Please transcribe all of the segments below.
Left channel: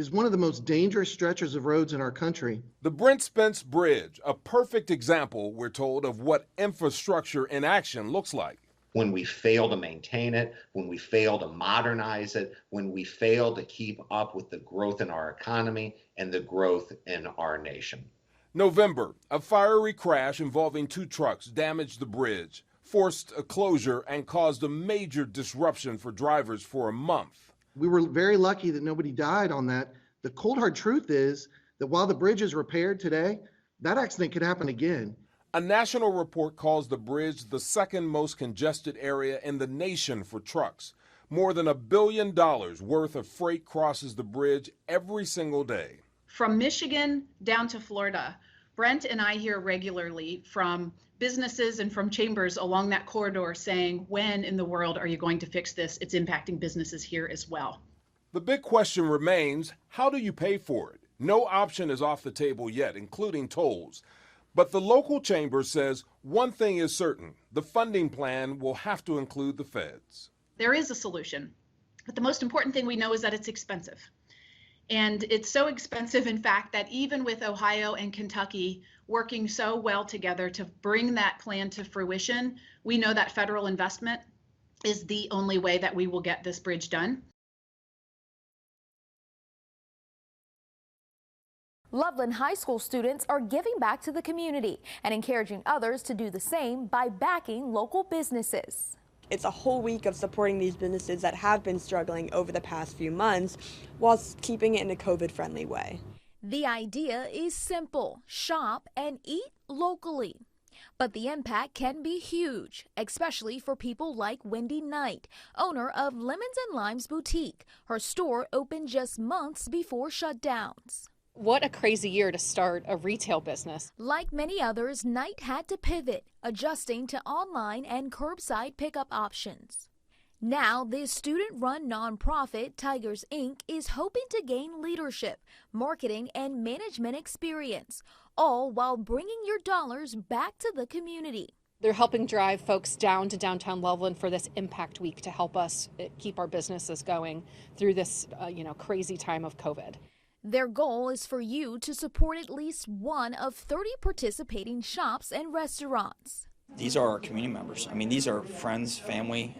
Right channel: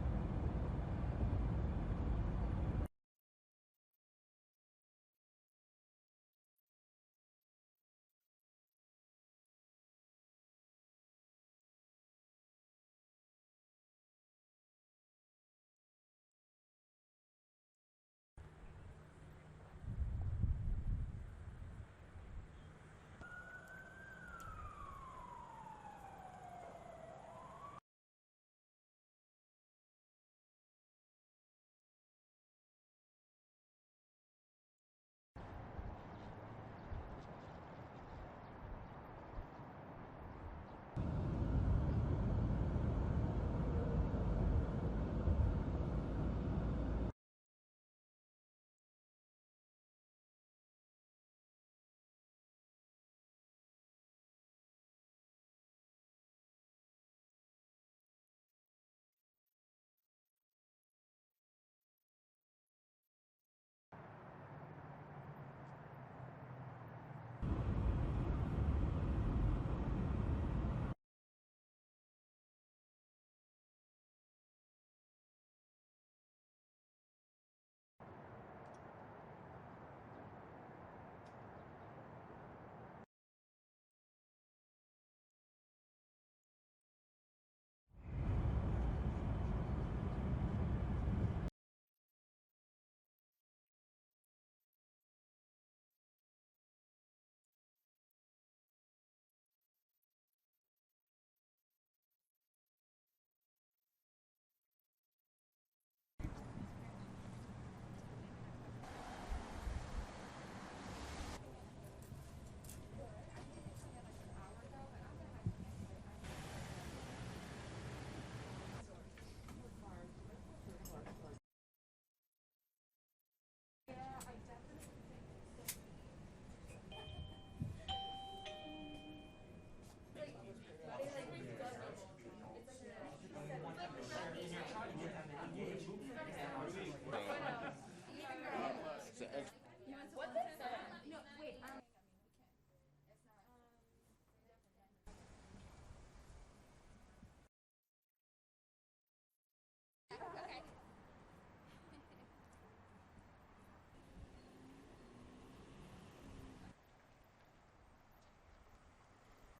is one of the most dangerous stretches of roads in our country. The Brent Spence Bridge, a perfect example, we're told, of what infrastructure in action looks like. When we fail to maintain it, when we fail to modernize it, when we fail to keep up with the growth in our economy and the growth in our nation. November, a fiery crash involving 2 trucks damaged the bridge, forced a closure, and caused a major disruption for drivers for a month. We were very lucky that nobody died on that. The cold hard truth is that while the bridge is repaired today, that accident could happen again. A national report calls the bridge the second most congested area in the nation for trucks. More than $1 billion worth of freight crosses the bridge every single day. From Michigan down to Florida, Brent and I hear regularly from businesses and from chambers along that corridor saying, when in the world are you going to fix this? It's impacting businesses here as well. The big question remains, how do you pay for it? No option is off the table yet, including tolls. But the local chamber says one thing is certain, the funding plan will have to include the feds. There is a solution, but the most important thing we know is that it's expensive. And it's so expensive, in fact, that even with Ohio and Kentucky working so well together to bring that plan to fruition, we know that federal investment is the only way that we will get this bridge done. Loveland High School students are giving back to the community and encouraging others to do the same by backing local businesses. It's a whole week of supporting these businesses that have been struggling over the past few months while keeping it in a COVID-friendly way. The idea is simple: shop and eat locally. But the impact can be huge, especially for people like Wendy Knight, owner of Lemons and Limes Boutique. Her store opened just months before shutdowns. What a crazy year to start a retail business. Like many others, Knight had to pivot, adjusting to online and curbside pickup options. Now, this student-run nonprofit, Tigers Inc., is hoping to gain leadership, marketing, and management experience, all while bringing your dollars back to the community. They're helping drive folks down to downtown Loveland for this Impact Week to help us keep our businesses going through this crazy time of COVID. Their goal is for you to support at least one of 30 participating shops and restaurants. These are our community members. I mean, these are friends, family,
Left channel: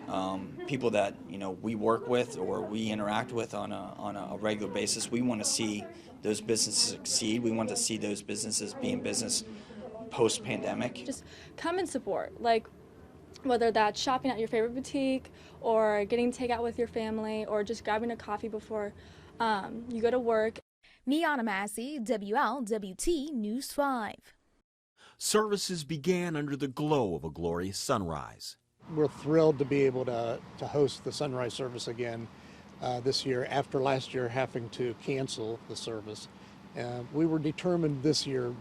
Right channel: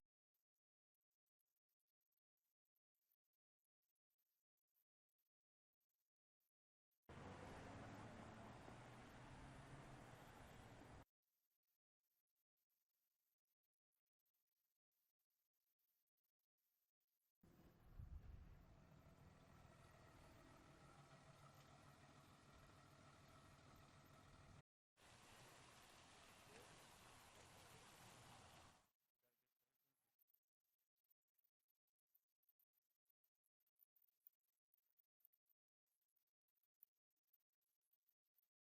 people that we work with or we interact with on a regular basis. We want to see those businesses succeed. We want to see those businesses be in business post-pandemic. Just come and support, like whether that's shopping at your favorite boutique or getting takeout with your family or just grabbing a coffee before you go to work. Niana Massey, WLWT News 5. Services began under the glow of a glorious sunrise. We're thrilled to be able to host the sunrise service again this year after last year having to cancel the service. We were determined this year,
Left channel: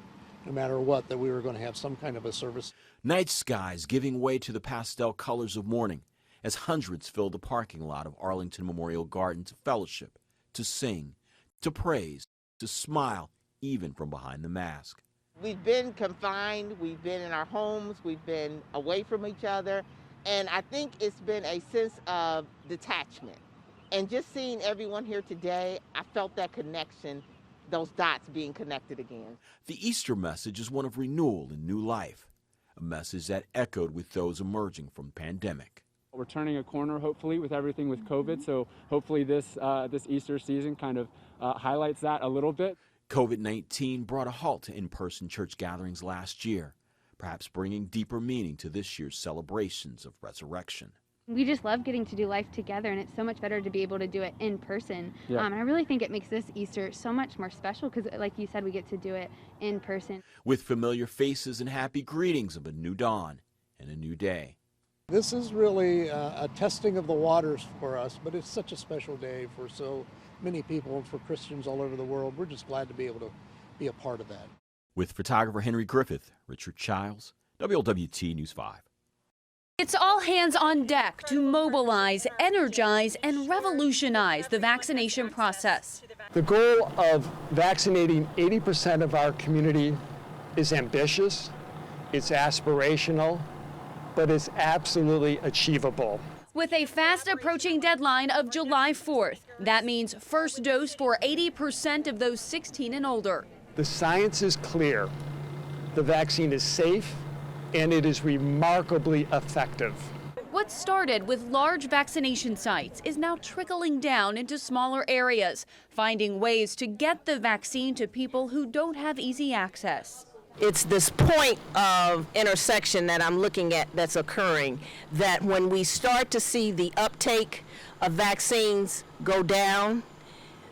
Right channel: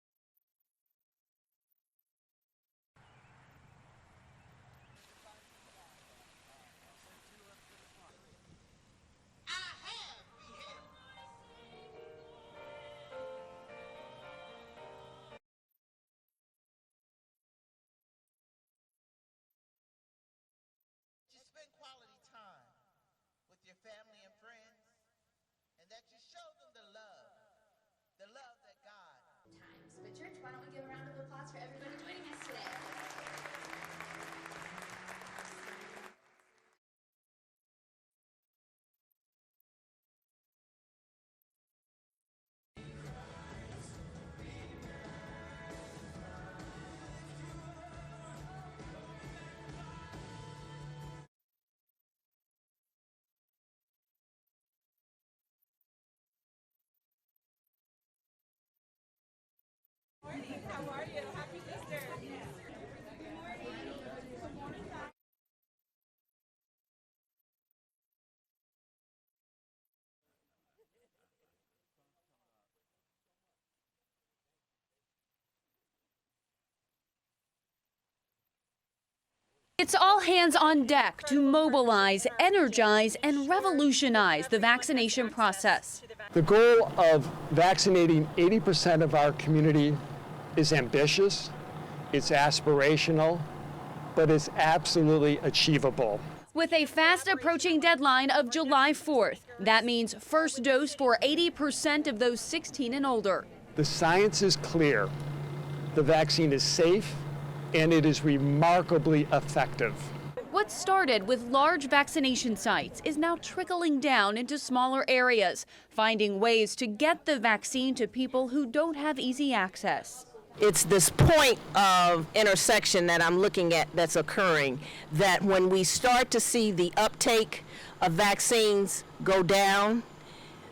no matter what, that we were going to have some kind of a service. Night skies giving way to the pastel colors of morning as hundreds filled the parking lot of Arlington Memorial Garden to fellowship, to sing, to praise, to smile, even from behind the mask. We've been confined, we've been in our homes, we've been away from each other, and I think it's been a sense of detachment. And just seeing everyone here today, I felt that connection, those dots being connected again. The Easter message is one of renewal and new life, a message that echoed with those emerging from the pandemic. We're turning a corner, hopefully, with everything with COVID, so hopefully this Easter season kind of highlights that a little bit. COVID-19 brought a halt to in-person church gatherings last year, perhaps bringing deeper meaning to this year's celebrations of resurrection. We just love getting to do life together, and it's so much better to be able to do it in person. Yeah. And I really think it makes this Easter so much more special because, like you said, we get to do it in person. With familiar faces and happy greetings of a new dawn and a new day. This is really a testing of the waters for us, but it's such a special day for so many people and for Christians all over the world. We're just glad to be able to be a part of that. With photographer Henry Griffith, Richard Childs, WLWT News 5. It's all hands on deck to mobilize, energize, and revolutionize the vaccination process. The goal of vaccinating 80% of our community is ambitious, it's aspirational, but it's absolutely achievable. with a fast approaching deadline of July 4th. That means first dose for 80% of those 16 and older. The science is clear. The vaccine is safe and it is remarkably effective. What started with large vaccination sites is now trickling down into smaller areas, finding ways to get the vaccine to people who don't have easy access. It's this point of intersection that I'm looking at that's occurring, that when we start to see the uptake of vaccines go down,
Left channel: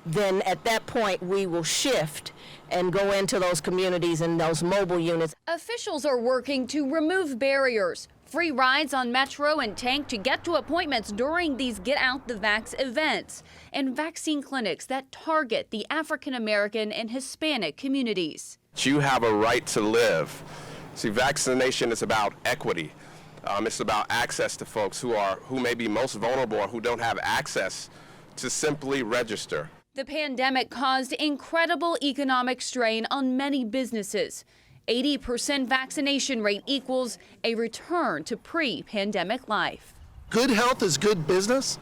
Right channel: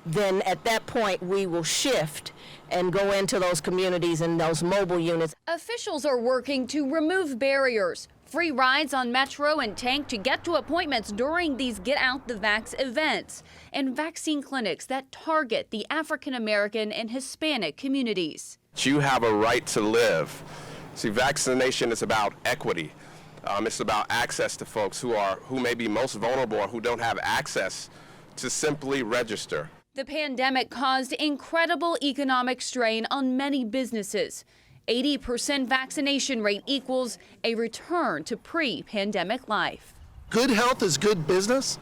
then at that point we will shift and go into those communities and those mobile units. Officials are working to remove barriers. Free rides on Metro and Tank to get to appointments during these Get Out the Vax events, and vaccine clinics that target the African American and Hispanic communities. You have a right to live. See, vaccination is about equity. It's about access to folks who may be most vulnerable or who don't have access to simply register. The pandemic caused incredible economic strain on many businesses. 80% vaccination rate equals a return to pre-pandemic life. Good health is good business.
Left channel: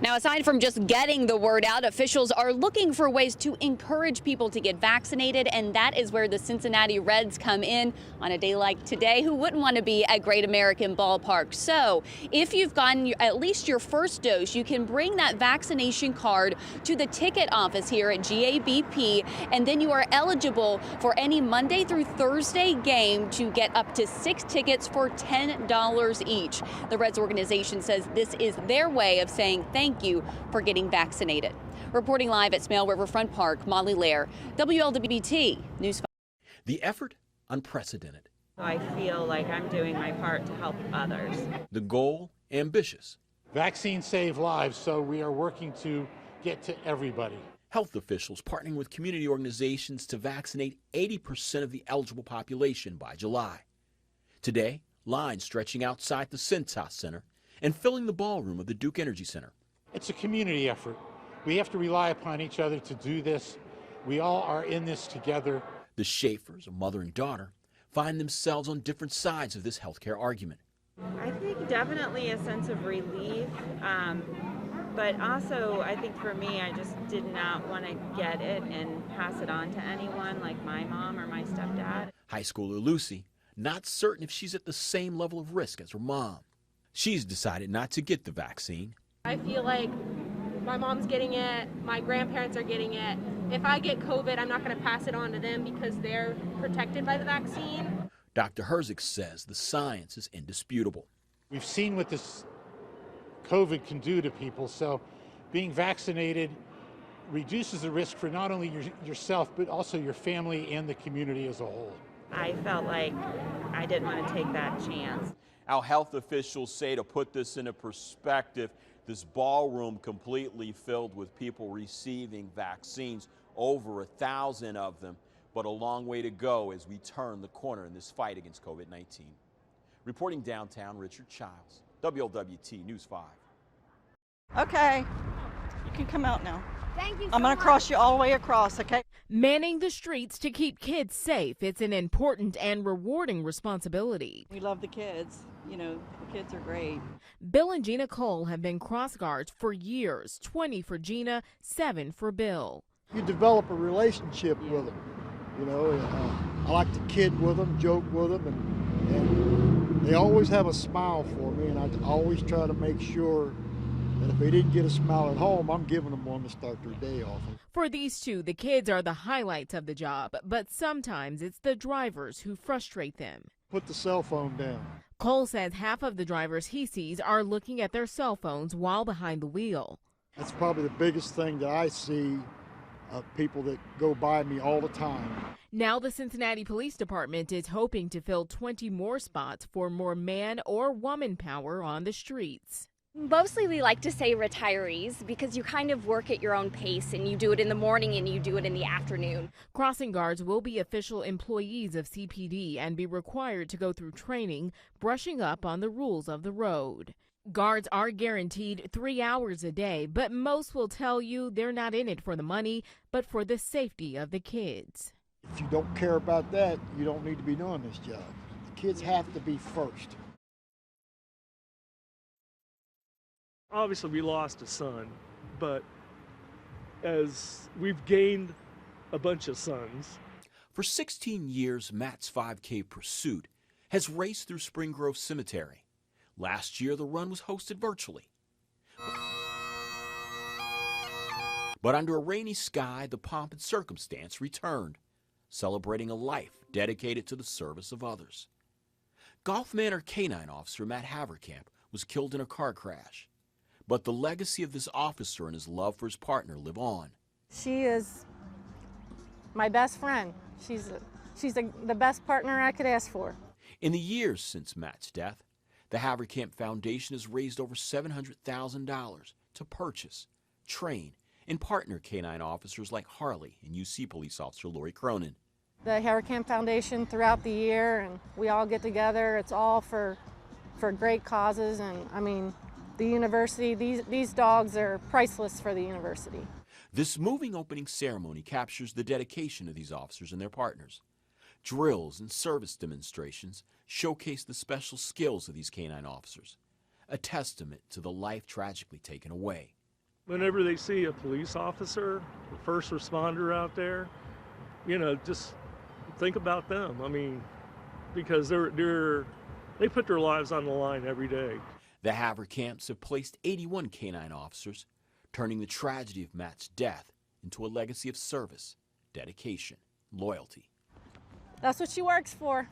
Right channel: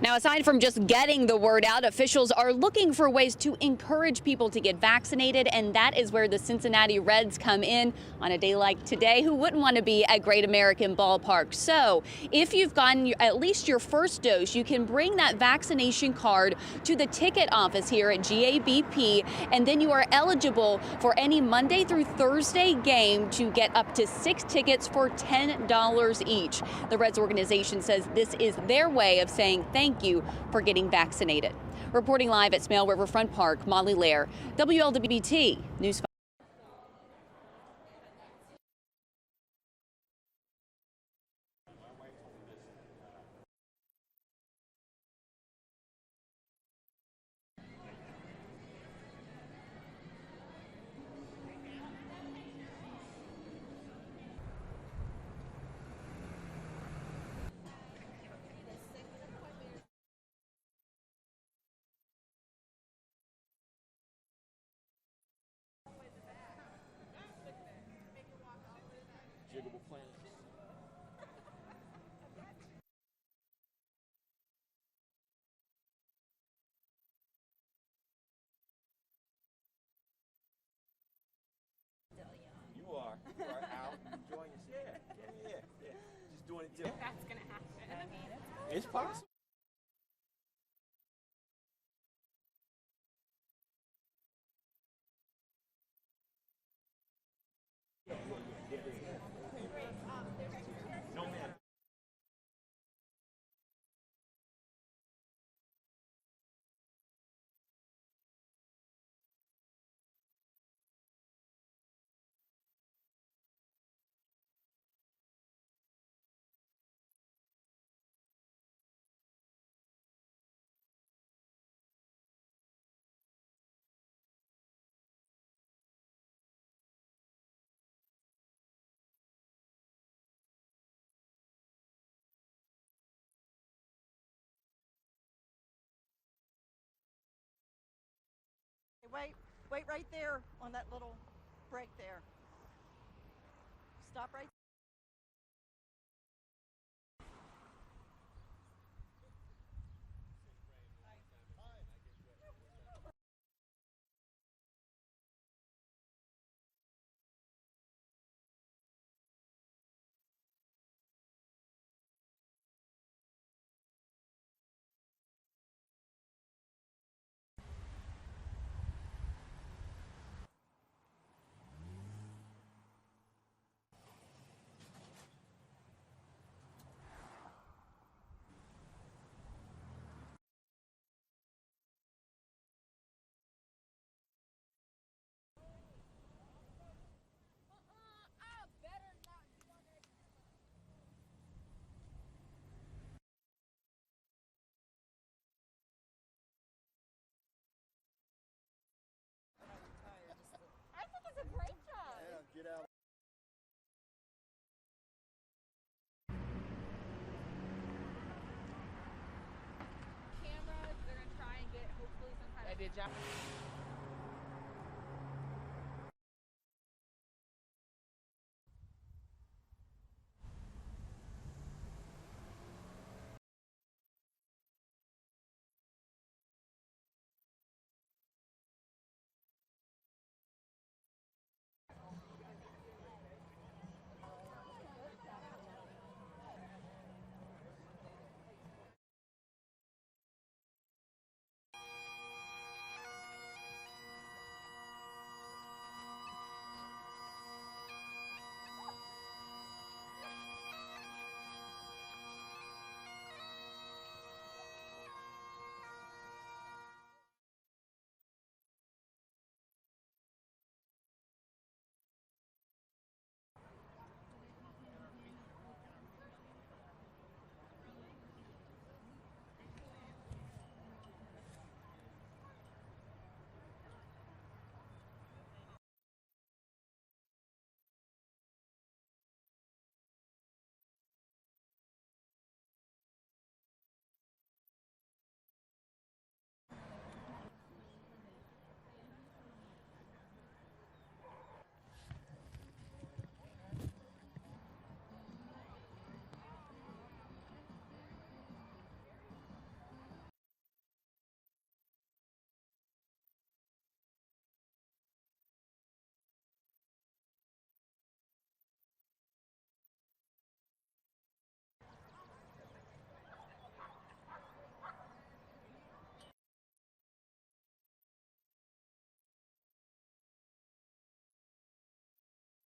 Now, aside from just getting the word out, officials are looking for ways to encourage people to get vaccinated, and that is where the Cincinnati Reds come in on a day like today. Who wouldn't want to be at Great American Ballpark? So if you've gotten at least your first dose, you can bring that vaccination card to the ticket office here at GABP, and then you are eligible for any Monday through Thursday game to get up to 6 tickets for $10 each. The Reds organization says this is their way of saying thank you for getting vaccinated. Reporting live at Smale Riverfront Park, Molly Lair, WLWT News 5. The effort, unprecedented. I feel like I'm doing my part to help others. The goal, ambitious. Vaccines save lives, so we are working to get to everybody. Health officials partnering with community organizations to vaccinate 80% of the eligible population by July. Today, lines stretching outside the Cintas Center and filling the ballroom of the Duke Energy Center. It's a community effort. We have to rely upon each other to do this. We all are in this together. The Schaefers, a mother and daughter, find themselves on different sides of this healthcare argument. I think definitely a sense of relief, but also I think for me, I just did not want to get it and pass it on to anyone like my mom or my stepdad. High schooler Lucy, not certain if she's at the same level of risk as her mom. She's decided not to get the vaccine. I feel like my mom's getting it, my grandparents are getting it. If I get COVID, I'm not going to pass it on to them because they're protected by the vaccine. Dr. Herzig says the science is indisputable. We've seen what this COVID can do to people, so being vaccinated reduces the risk for not only yourself, but also your family and the community as a whole. I felt like I didn't want to take that chance. Our health officials say, to put this into perspective, this ballroom completely filled with people receiving vaccines, over 1,000 of them, but a long way to go as we turn the corner in this fight against COVID-19. Reporting downtown, Richard Childs, WLWT News 5. Okay, you can come out now. Thank you so I'm going to cross you all the way across, okay? Manning the streets to keep kids safe. It's an important and rewarding responsibility. We love the kids. You know, the kids are great. Bill and Gina Cole have been cross guards for years, 20 for Gina, 7 for Bill. You develop a relationship with them. You know, I like to kid with them, joke with them, and they always have a smile for me, and I always try to make sure that if they didn't get a smile at home, I'm giving them one to start their day off. For these two, the kids are the highlights of the job, but sometimes it's the drivers who frustrate them. Put the cell phone down. Cole says half of the drivers he sees are looking at their cell phones while behind the wheel. That's probably the biggest thing that I see of people that go by me all the time. Now the Cincinnati Police Department is hoping to fill 20 more spots for more man or woman power on the streets. Mostly we like to say retirees because you kind of work at your own pace and you do it in the morning and you do it in the afternoon. Crossing guards will be official employees of CPD and be required to go through training, brushing up on the rules of the road. Guards are guaranteed 3 hours a day, but most will tell you they're not in it for the money, but for the safety of the kids. If you don't care about that, you don't need to be doing this job. The kids have to be first. Obviously, we lost a son, but as we've gained a bunch of sons. For 16 years, Matt's 5K pursuit has raced through Spring Grove Cemetery. Last year, the run was hosted virtually. But under a rainy sky, the pomp and circumstance returned, celebrating a life dedicated to the service of others. Gulf Manor Canine Officer Matt Haverkamp was killed in a car crash. But the legacy of this officer and his love for his partner live on. She is my best friend. She's the best partner I could ask for. In the years since Matt's death, the Haverkamp Foundation has raised over $700,000 to purchase, train, and partner canine officers like Harley and UC Police Officer Lori Cronin. The Haverkamp Foundation throughout the year, and we all get together. It's all for great causes, and I mean, the university, these dogs are priceless for the university. This moving opening ceremony captures the dedication of these officers and their partners. Drills and service demonstrations showcase the special skills of these canine officers, a testament to the life tragically taken away. Whenever they see a police officer, a first responder out there, you know, just think about them. I mean, because they put their lives on the line every day. The Haverkamps have placed 81 canine officers, turning the tragedy of Matt's death into a legacy of service, dedication, loyalty. That's what she works for.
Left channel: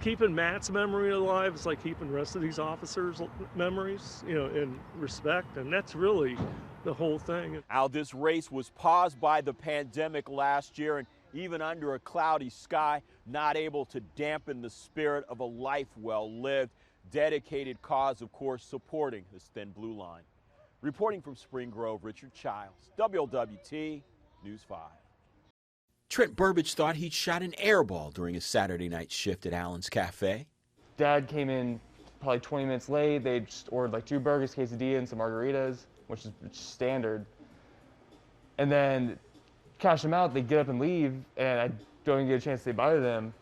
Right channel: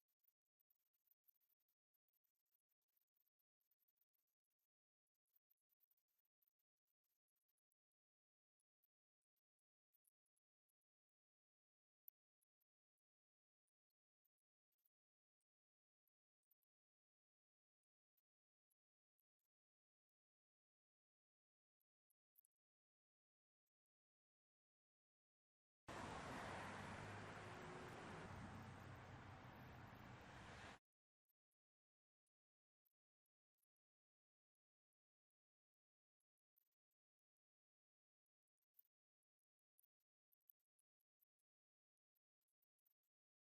Keeping Matt's memory alive is like keeping the rest of these officers' memories, you know, in respect, and that's really the whole thing. Al, this race was paused by the pandemic last year, and even under a cloudy sky, not able to dampen the spirit of a life well lived. Dedicated cause, of course, supporting this thin blue line. Reporting from Spring Grove, Richard Childs, WLWT News 5. Trent Burbage thought he'd shot an air ball during his Saturday night shift at Allen's Cafe. Dad came in probably 20 minutes late. They just ordered like 2 burgers, quesadilla, and some margaritas, which is standard. And then cash them out, they get up and leave, and I don't even get a chance to say bye to them.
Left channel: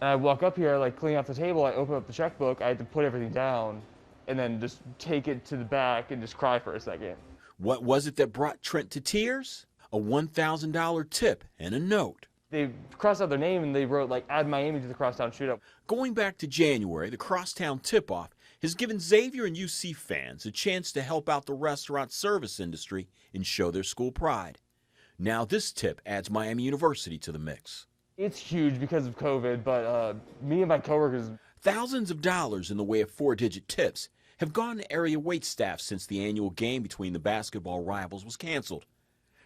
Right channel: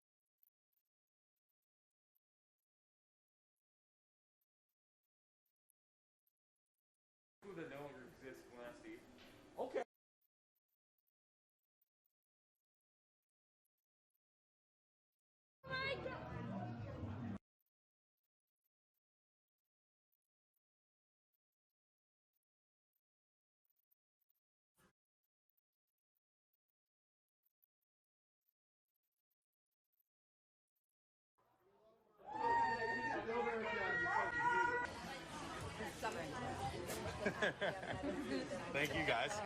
And I walk up here, like cleaning off the table, I open up the checkbook, I had to put everything down, and then just take it to the back and just cry for a second. What was it that brought Trent to tears? A $1,000 tip and a note. They crossed out their name and they wrote, like, add Miami to the Crosstown Shootout. Going back to January, the Crosstown Tip-Off has given Xavier and UC fans a chance to help out the restaurant service industry and show their school pride. Now this tip adds Miami University to the mix. It's huge because of COVID, but me and my coworkers... Thousands of dollars in the way of 4-digit tips have gone to area wait staff since the annual game between the basketball rivals was canceled.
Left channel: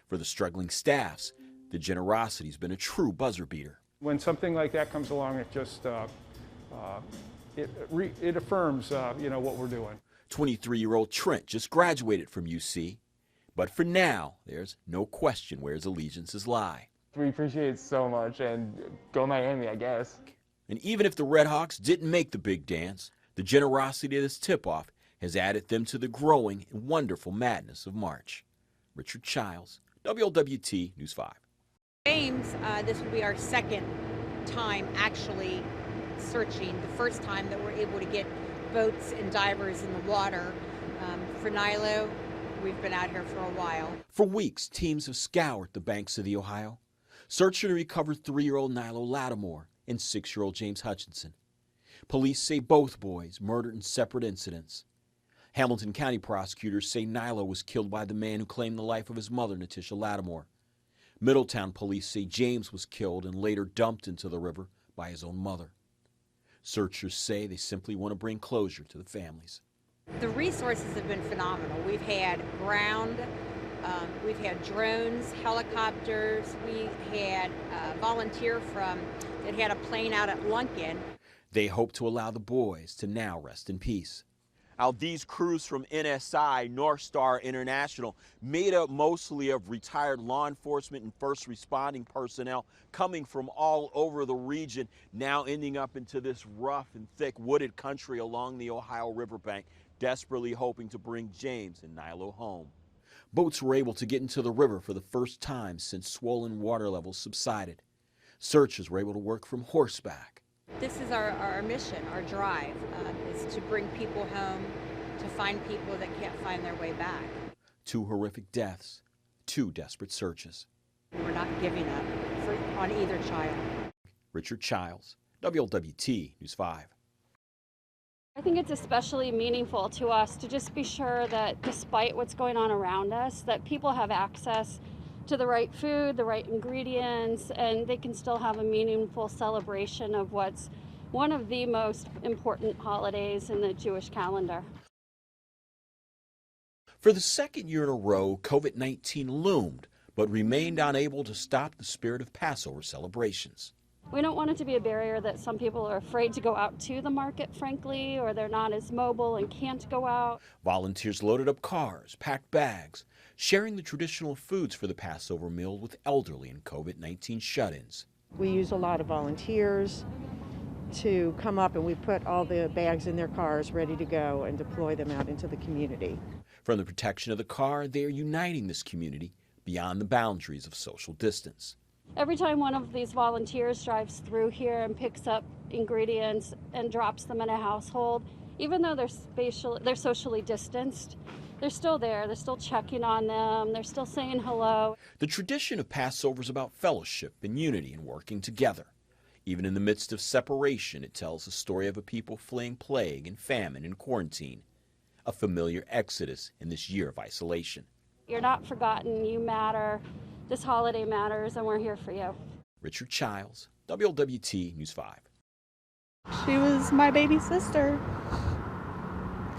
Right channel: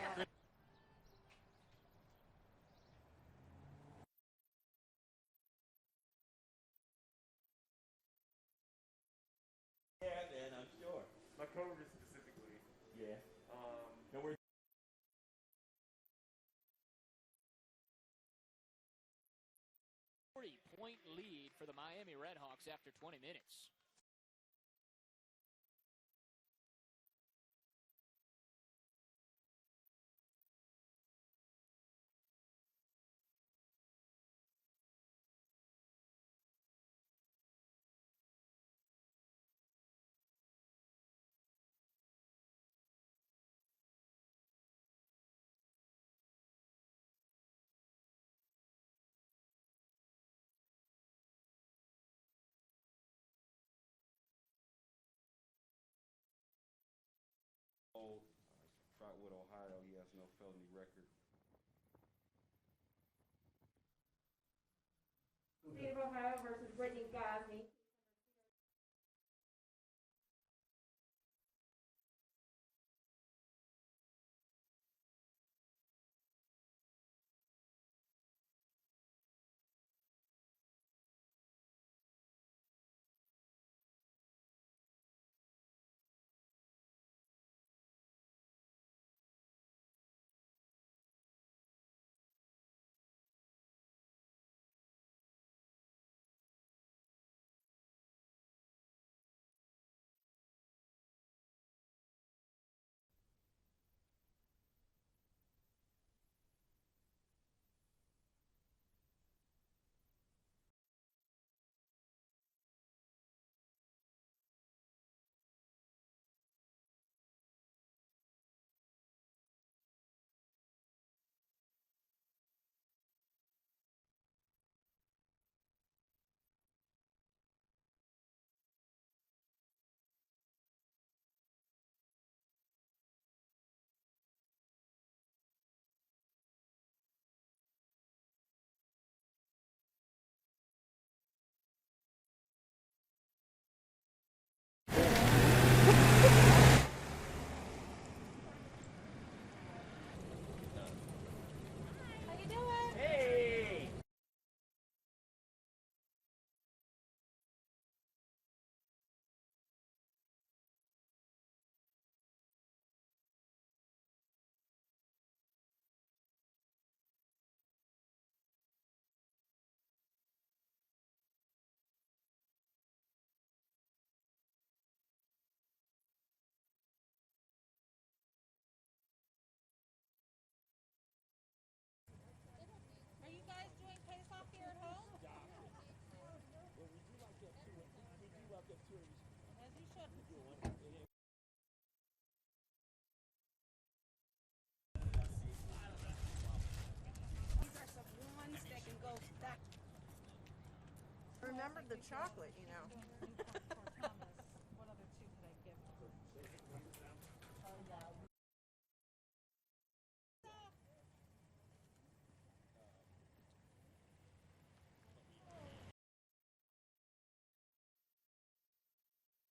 For the struggling staffs, the generosity's been a true buzzer beater. When something like that comes along, it just it affirms you know, what we're doing. 23-year-old Trent just graduated from UC, but for now, there's no question where his allegiances lie. We appreciate it so much, and go Miami, I guess. And even if the Redhawks didn't make the big dance, the generosity of this tip-off has added them to the growing and wonderful madness of March. Richard Childs, WLWT News 5. James, this will be our second time actually searching. The first time that we're able to get boats and divers in the water. For Nilo, we've been out here for a while. For weeks, teams have scoured the banks of the Ohio, searching to recover 3-year-old Nilo Lattimore and 6-year-old James Hutchinson. Police say both boys murdered in separate incidents. Hamilton County prosecutors say Nilo was killed by the man who claimed the life of his mother, Natisha Lattimore. Middletown police say James was killed and later dumped into the river by his own mother. Searchers say they simply want to bring closure to the families. The resources have been phenomenal. We've had ground, we've had drones, helicopters, we had a volunteer that had a plane out at Lunkin. They hope to allow the boys to now rest in peace. Now, these crews from NSI, North Star International, made up mostly of retired law enforcement and first responding personnel coming from all over the region, now ending up into this rough and thick wooded country along the Ohio riverbank, desperately hoping to bring James and Nilo home. Boats were able to get into the river for the first time since swollen water levels subsided. Searchers were able to work from horseback. This is our mission, our drive, is to bring people home, to find people that can't find their way back. 2 horrific deaths, 2 desperate searches. We're not giving up on either child. Richard Childs, WLWT News 5. I think it's especially meaningful to us to just be sure that despite what's going on around us, that people have access to the right food, the right ingredients, and they can still have a meaningful celebration of what's one of the most important holidays in the Jewish calendar. For the second year in a row, COVID-19 loomed, but remained unable to stop the spirit of Passover celebrations. We don't want it to be a barrier that some people are afraid to go out to the market, frankly, or they're not as mobile and can't go out. Volunteers loaded up cars, packed bags, sharing the traditional foods for the Passover meal with elderly and COVID-19 shut-ins. We use a lot of volunteers to come up, and we put all the bags in their cars ready to go and deploy them out into the community. From the protection of the car, they are uniting this community beyond the boundaries of social distance. Every time one of these volunteers drives through here and picks up ingredients and drops them in a household, even though they're socially distanced, they're still there. They're still checking on them. They're still saying hello. The tradition of Passover is about fellowship and unity and working together. Even in the midst of separation, it tells the story of a people fleeing plague and famine and quarantine, a familiar exodus in this year of isolation. You're not forgotten. You matter. This holiday matters, and we're here for you. Richard Childs, WLWT News 5. She was my baby sister.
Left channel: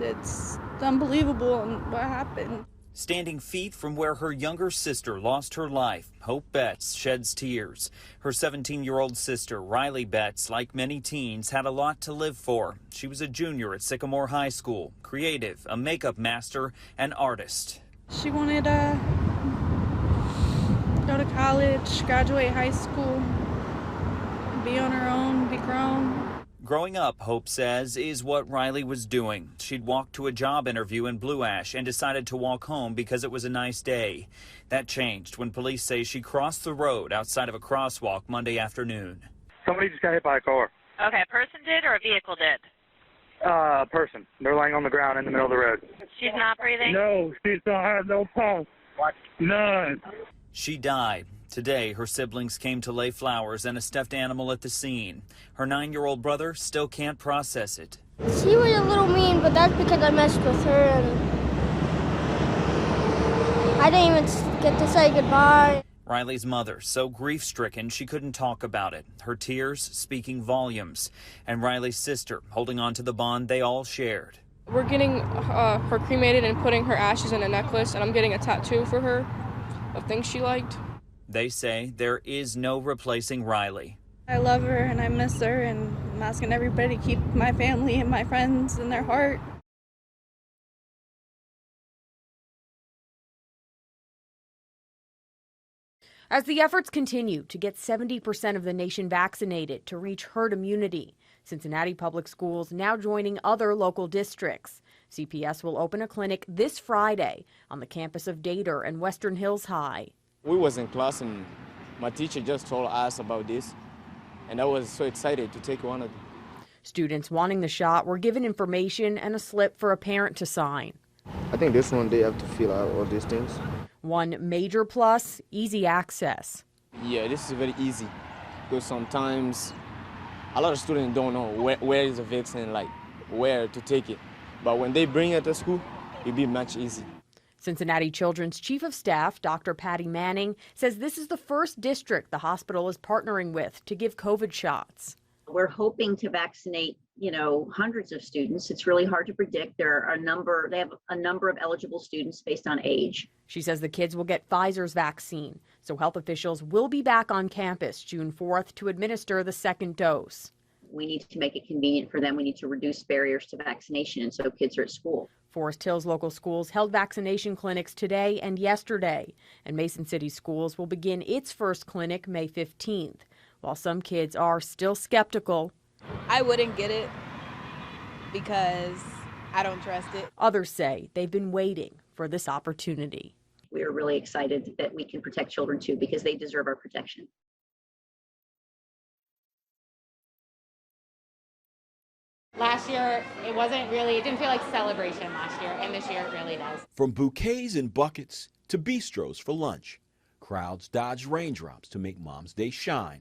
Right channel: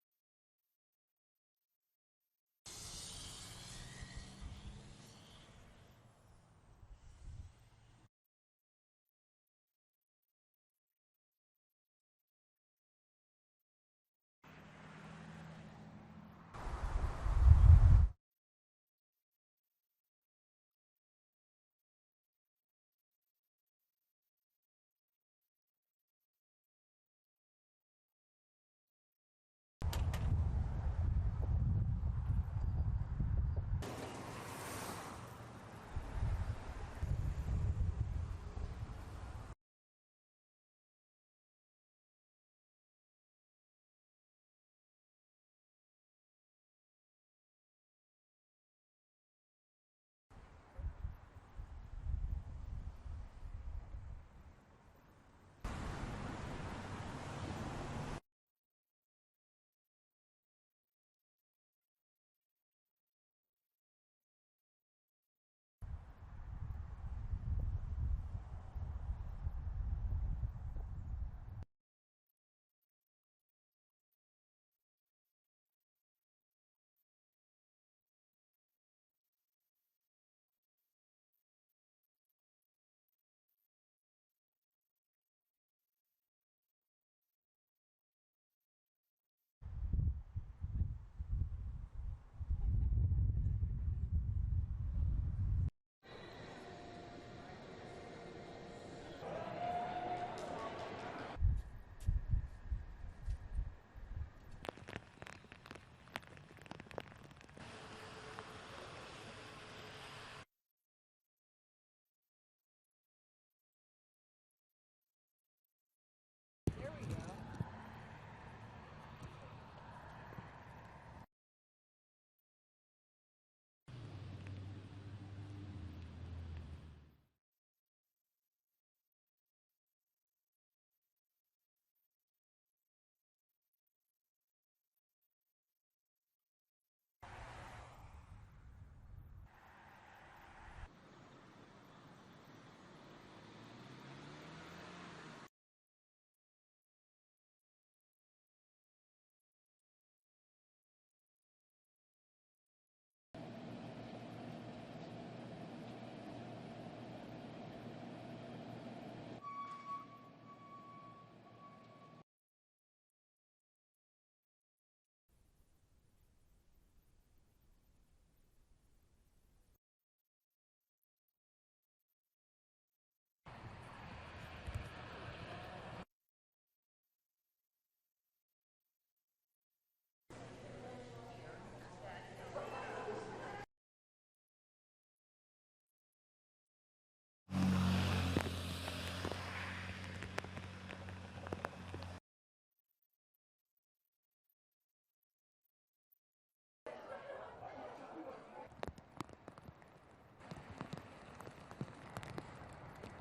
It's unbelievable what happened. Standing feet from where her younger sister lost her life, Hope Betts sheds tears. Her 17-year-old sister, Riley Betts, like many teens, had a lot to live for. She was a junior at Sycamore High School, creative, a makeup master, and artist. She wanted to go to college, graduate high school, be on her own, be grown. Growing up, Hope says, is what Riley was doing. She'd walked to a job interview in Blue Ash and decided to walk home because it was a nice day. That changed when police say she crossed the road outside of a crosswalk Monday afternoon. Somebody just got hit by a car. Okay, a person did or a vehicle did? A person. They're laying on the ground in the middle of the road. She's not breathing? No, she don't have no pulse. None. She died. Today, her siblings came to lay flowers and a stuffed animal at the scene. Her 9-year-old brother still can't process it. She was a little mean, but that's because I messed with her and I didn't even get to say goodbye. Riley's mother, so grief-stricken she couldn't talk about it, her tears speaking volumes. And Riley's sister holding on to the bond they all shared. We're getting her cremated and putting her ashes in a necklace, and I'm getting a tattoo for her of things she liked. They say there is no replacing Riley. I love her and I miss her, and I'm asking everybody to keep my family and my friends in their heart. As the efforts continue to get 70% of the nation vaccinated to reach herd immunity, Cincinnati Public Schools now joining other local districts. CPS will open a clinic this Friday on the campus of Dater and Western Hills High. We was in class and my teacher just told us about this, and I was so excited to take one of them. Students wanting the shot were given information and a slip for a parent to sign. I think this one they have to fill out all these things. One major plus, easy access. Yeah, this is very easy because sometimes a lot of students don't know where is the vaccine, like where to take it. But when they bring it to school, it'll be much easier. Cincinnati Children's Chief of Staff, Dr. Patty Manning, says this is the first district the hospital is partnering with to give COVID shots. We're hoping to vaccinate, hundreds of students. It's really hard to predict. They have a number of eligible students based on age. She says the kids will get Pfizer's vaccine, so health officials will be back on campus June 4th to administer the second dose. We need to make it convenient for them. We need to reduce barriers to vaccination, and so kids are at school. Forest Hills local schools held vaccination clinics today and yesterday, and Mason City Schools will begin its first clinic May 15th. While some kids are still skeptical, I wouldn't get it because I don't trust it. Others say they've been waiting for this opportunity. We are really excited that we can protect children too, because they deserve our protection. Last year, it didn't feel like celebration last year, and this year it really does. From bouquets and buckets to bistros for lunch, crowds dodged raindrops to make Mom's Day shine.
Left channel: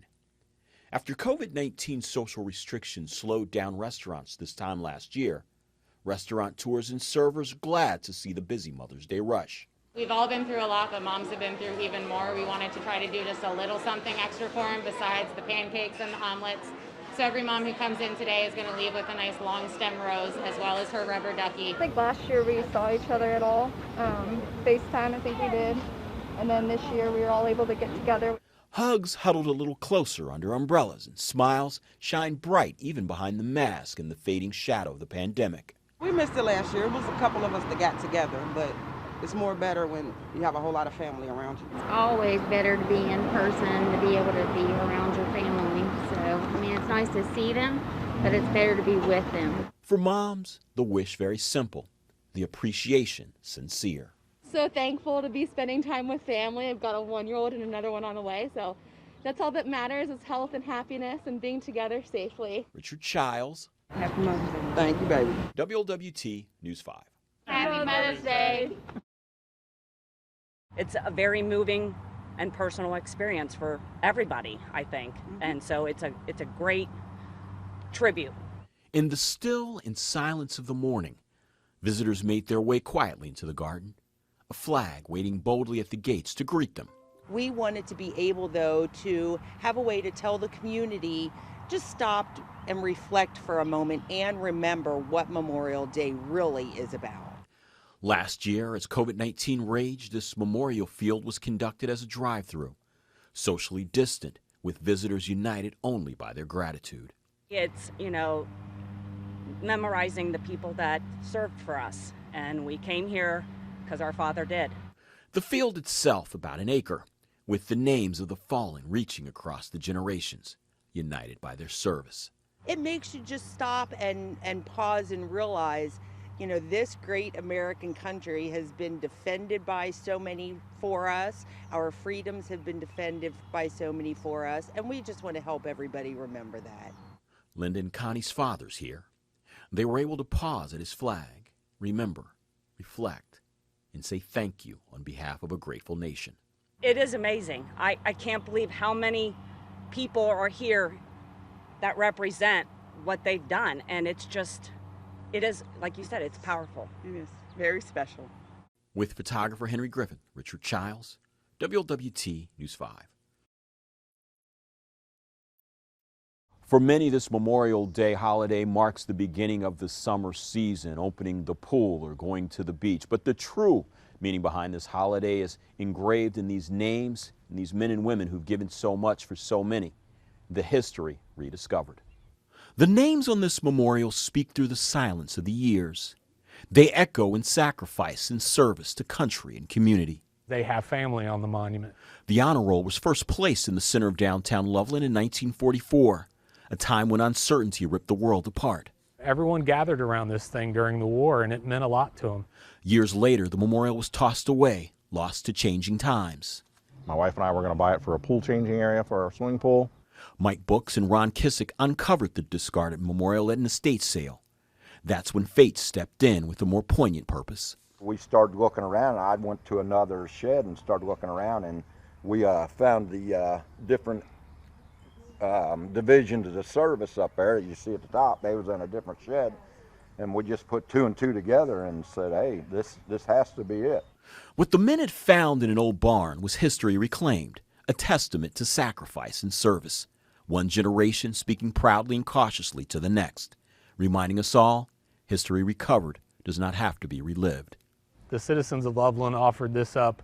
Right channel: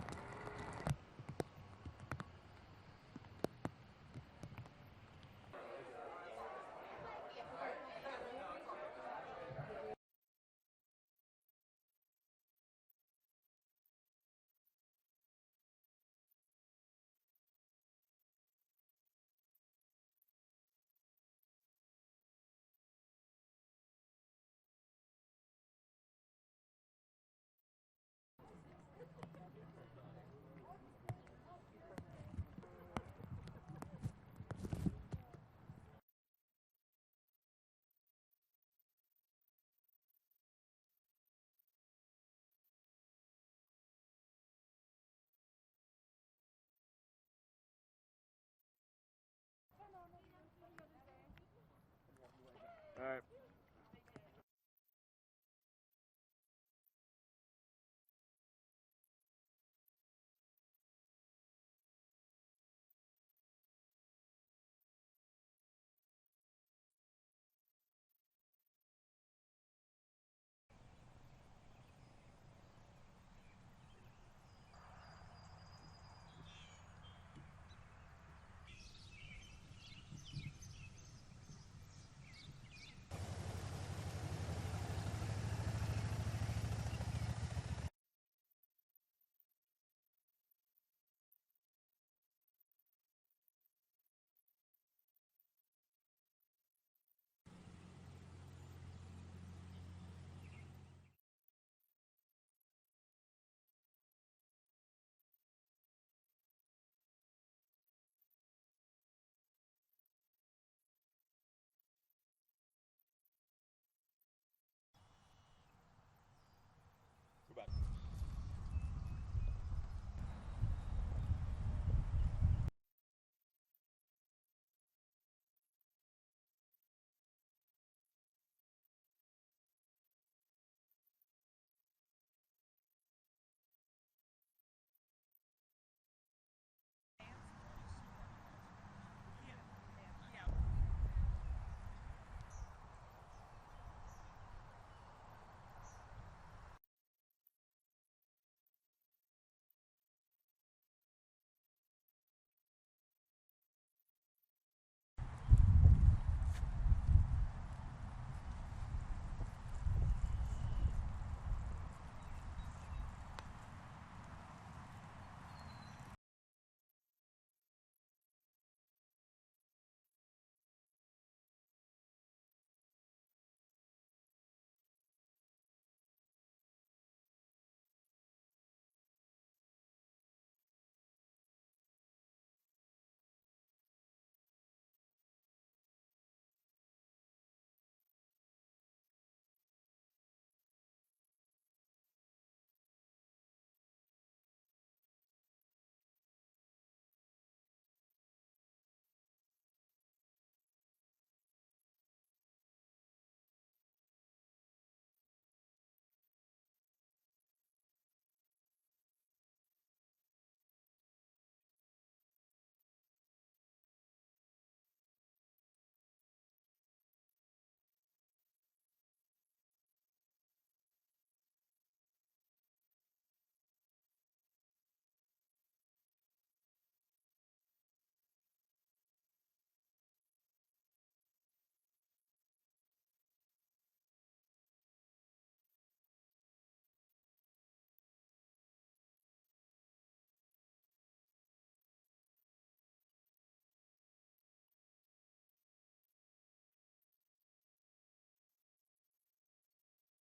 After COVID-19 social restrictions slowed down restaurants this time last year, restaurateurs and servers glad to see the busy Mother's Day rush. We've all been through a lot, but moms have been through even more. We wanted to try to do just a little something extra for them besides the pancakes and the omelets. So every mom who comes in today is going to leave with a nice long stem rose as well as her rubber ducky. I think last year we saw each other at all. FaceTime, I think we did. And then this year we were all able to get together. Hugs huddled a little closer under umbrellas, and smiles shined bright even behind the mask and the fading shadow of the pandemic. We missed it last year. It was a couple of us that got together, but it's more better when you have a whole lot of family around you. It's always better to be in person, to be able to be around your family. So, I mean, it's nice to see them, but it's better to be with them. For moms, the wish very simple, the appreciation sincere. So thankful to be spending time with family. I've got a 1-year-old and another one on the way, so that's all that matters is health and happiness and being together safely. Richard Childs. Happy Mother's Day. Thank you, baby. WLWT News 5. Happy Mother's Day. It's a very moving and personal experience for everybody, I think. And so it's a great tribute. In the still and silence of the morning, visitors made their way quietly into the garden, a flag waiting boldly at the gates to greet them. We wanted to be able, though, to have a way to tell the community, just stop and reflect for a moment and remember what Memorial Day really is about. Last year, as COVID-19 raged, this memorial field was conducted as a drive-through, socially distant, with visitors united only by their gratitude. It's, memorizing the people that served for us, and we came here because our father did. The field itself, about an acre, with the names of the fallen reaching across the generations, united by their service. It makes you just stop and pause and realize, this great American country has been defended by so many for us. Our freedoms have been defended by so many for us, and we just want to help everybody remember that. Linda and Connie's father's here. They were able to pause at his flag, remember, reflect, and say thank you on behalf of a grateful nation. It is amazing. I can't believe how many people are here that represent what they've done, and it is, like you said, it's powerful. It is very special. With photographer Henry Griffith, Richard Childs, WLWT News 5. For many, this Memorial Day holiday marks the beginning of the summer season, opening the pool or going to the beach. But the true meaning behind this holiday is engraved in these names and these men and women who've given so much for so many. The history rediscovered. The names on this memorial speak through the silence of the years. They echo in sacrifice and service to country and community. They have family on the monument. The honor roll was first placed in the center of downtown Loveland in 1944, a time when uncertainty ripped the world apart. Everyone gathered around this thing during the war, and it meant a lot to them. Years later, the memorial was tossed away, lost to changing times. My wife and I were going to buy it for a pool changing area for our swimming pool. Mike Books and Ron Kissick uncovered the discarded memorial at an estate sale. That's when fate stepped in with a more poignant purpose. We started looking around. I went to another shed and started looking around, and we found the different divisions of the service up there that you see at the top. They was in a different shed, and we just put 2 and 2 together and said, hey, this has to be it. What the men had found in an old barn was history reclaimed, a testament to sacrifice and service. One generation speaking proudly and cautiously to the next, reminding us all, history recovered does not have to be relived. The citizens of Loveland offered this up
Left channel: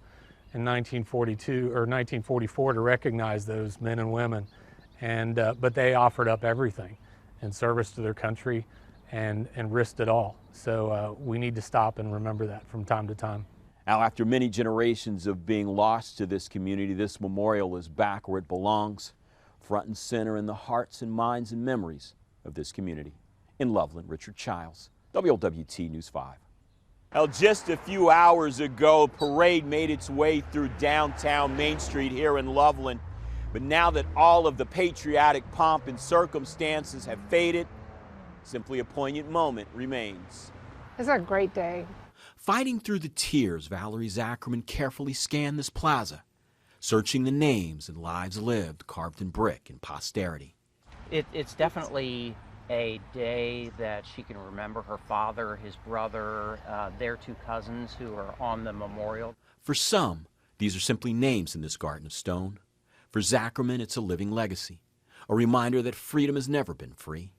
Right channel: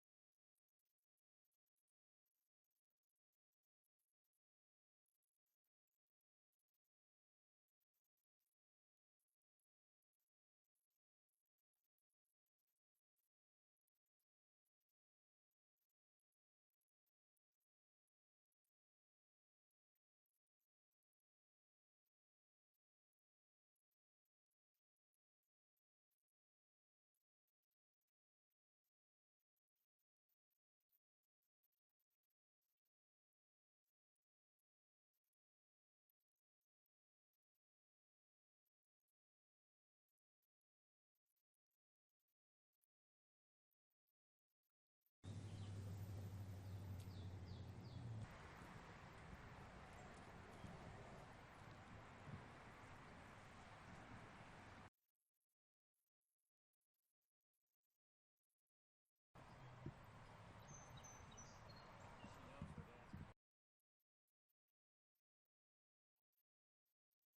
in 1942 or 1944 to recognize those men and women, and but they offered up everything in service to their country and risked it all. So we need to stop and remember that from time to time. Now, after many generations of being lost to this community, this memorial is back where it belongs, front and center in the hearts and minds and memories of this community. In Loveland, Richard Childs, WLWT News 5. Well, just a few hours ago, a parade made its way through downtown Main Street here in Loveland. But now that all of the patriotic pomp and circumstances have faded, simply a poignant moment remains. It's a great day. Fighting through the tears, Valerie Zackerman carefully scanned this plaza, searching the names and lives lived carved in brick and posterity. It's definitely a day that she can remember her father, his brother, their two cousins who are on the memorial. For some, these are simply names in this garden of stone. For Zackerman, it's a living legacy, a reminder that freedom has never been free.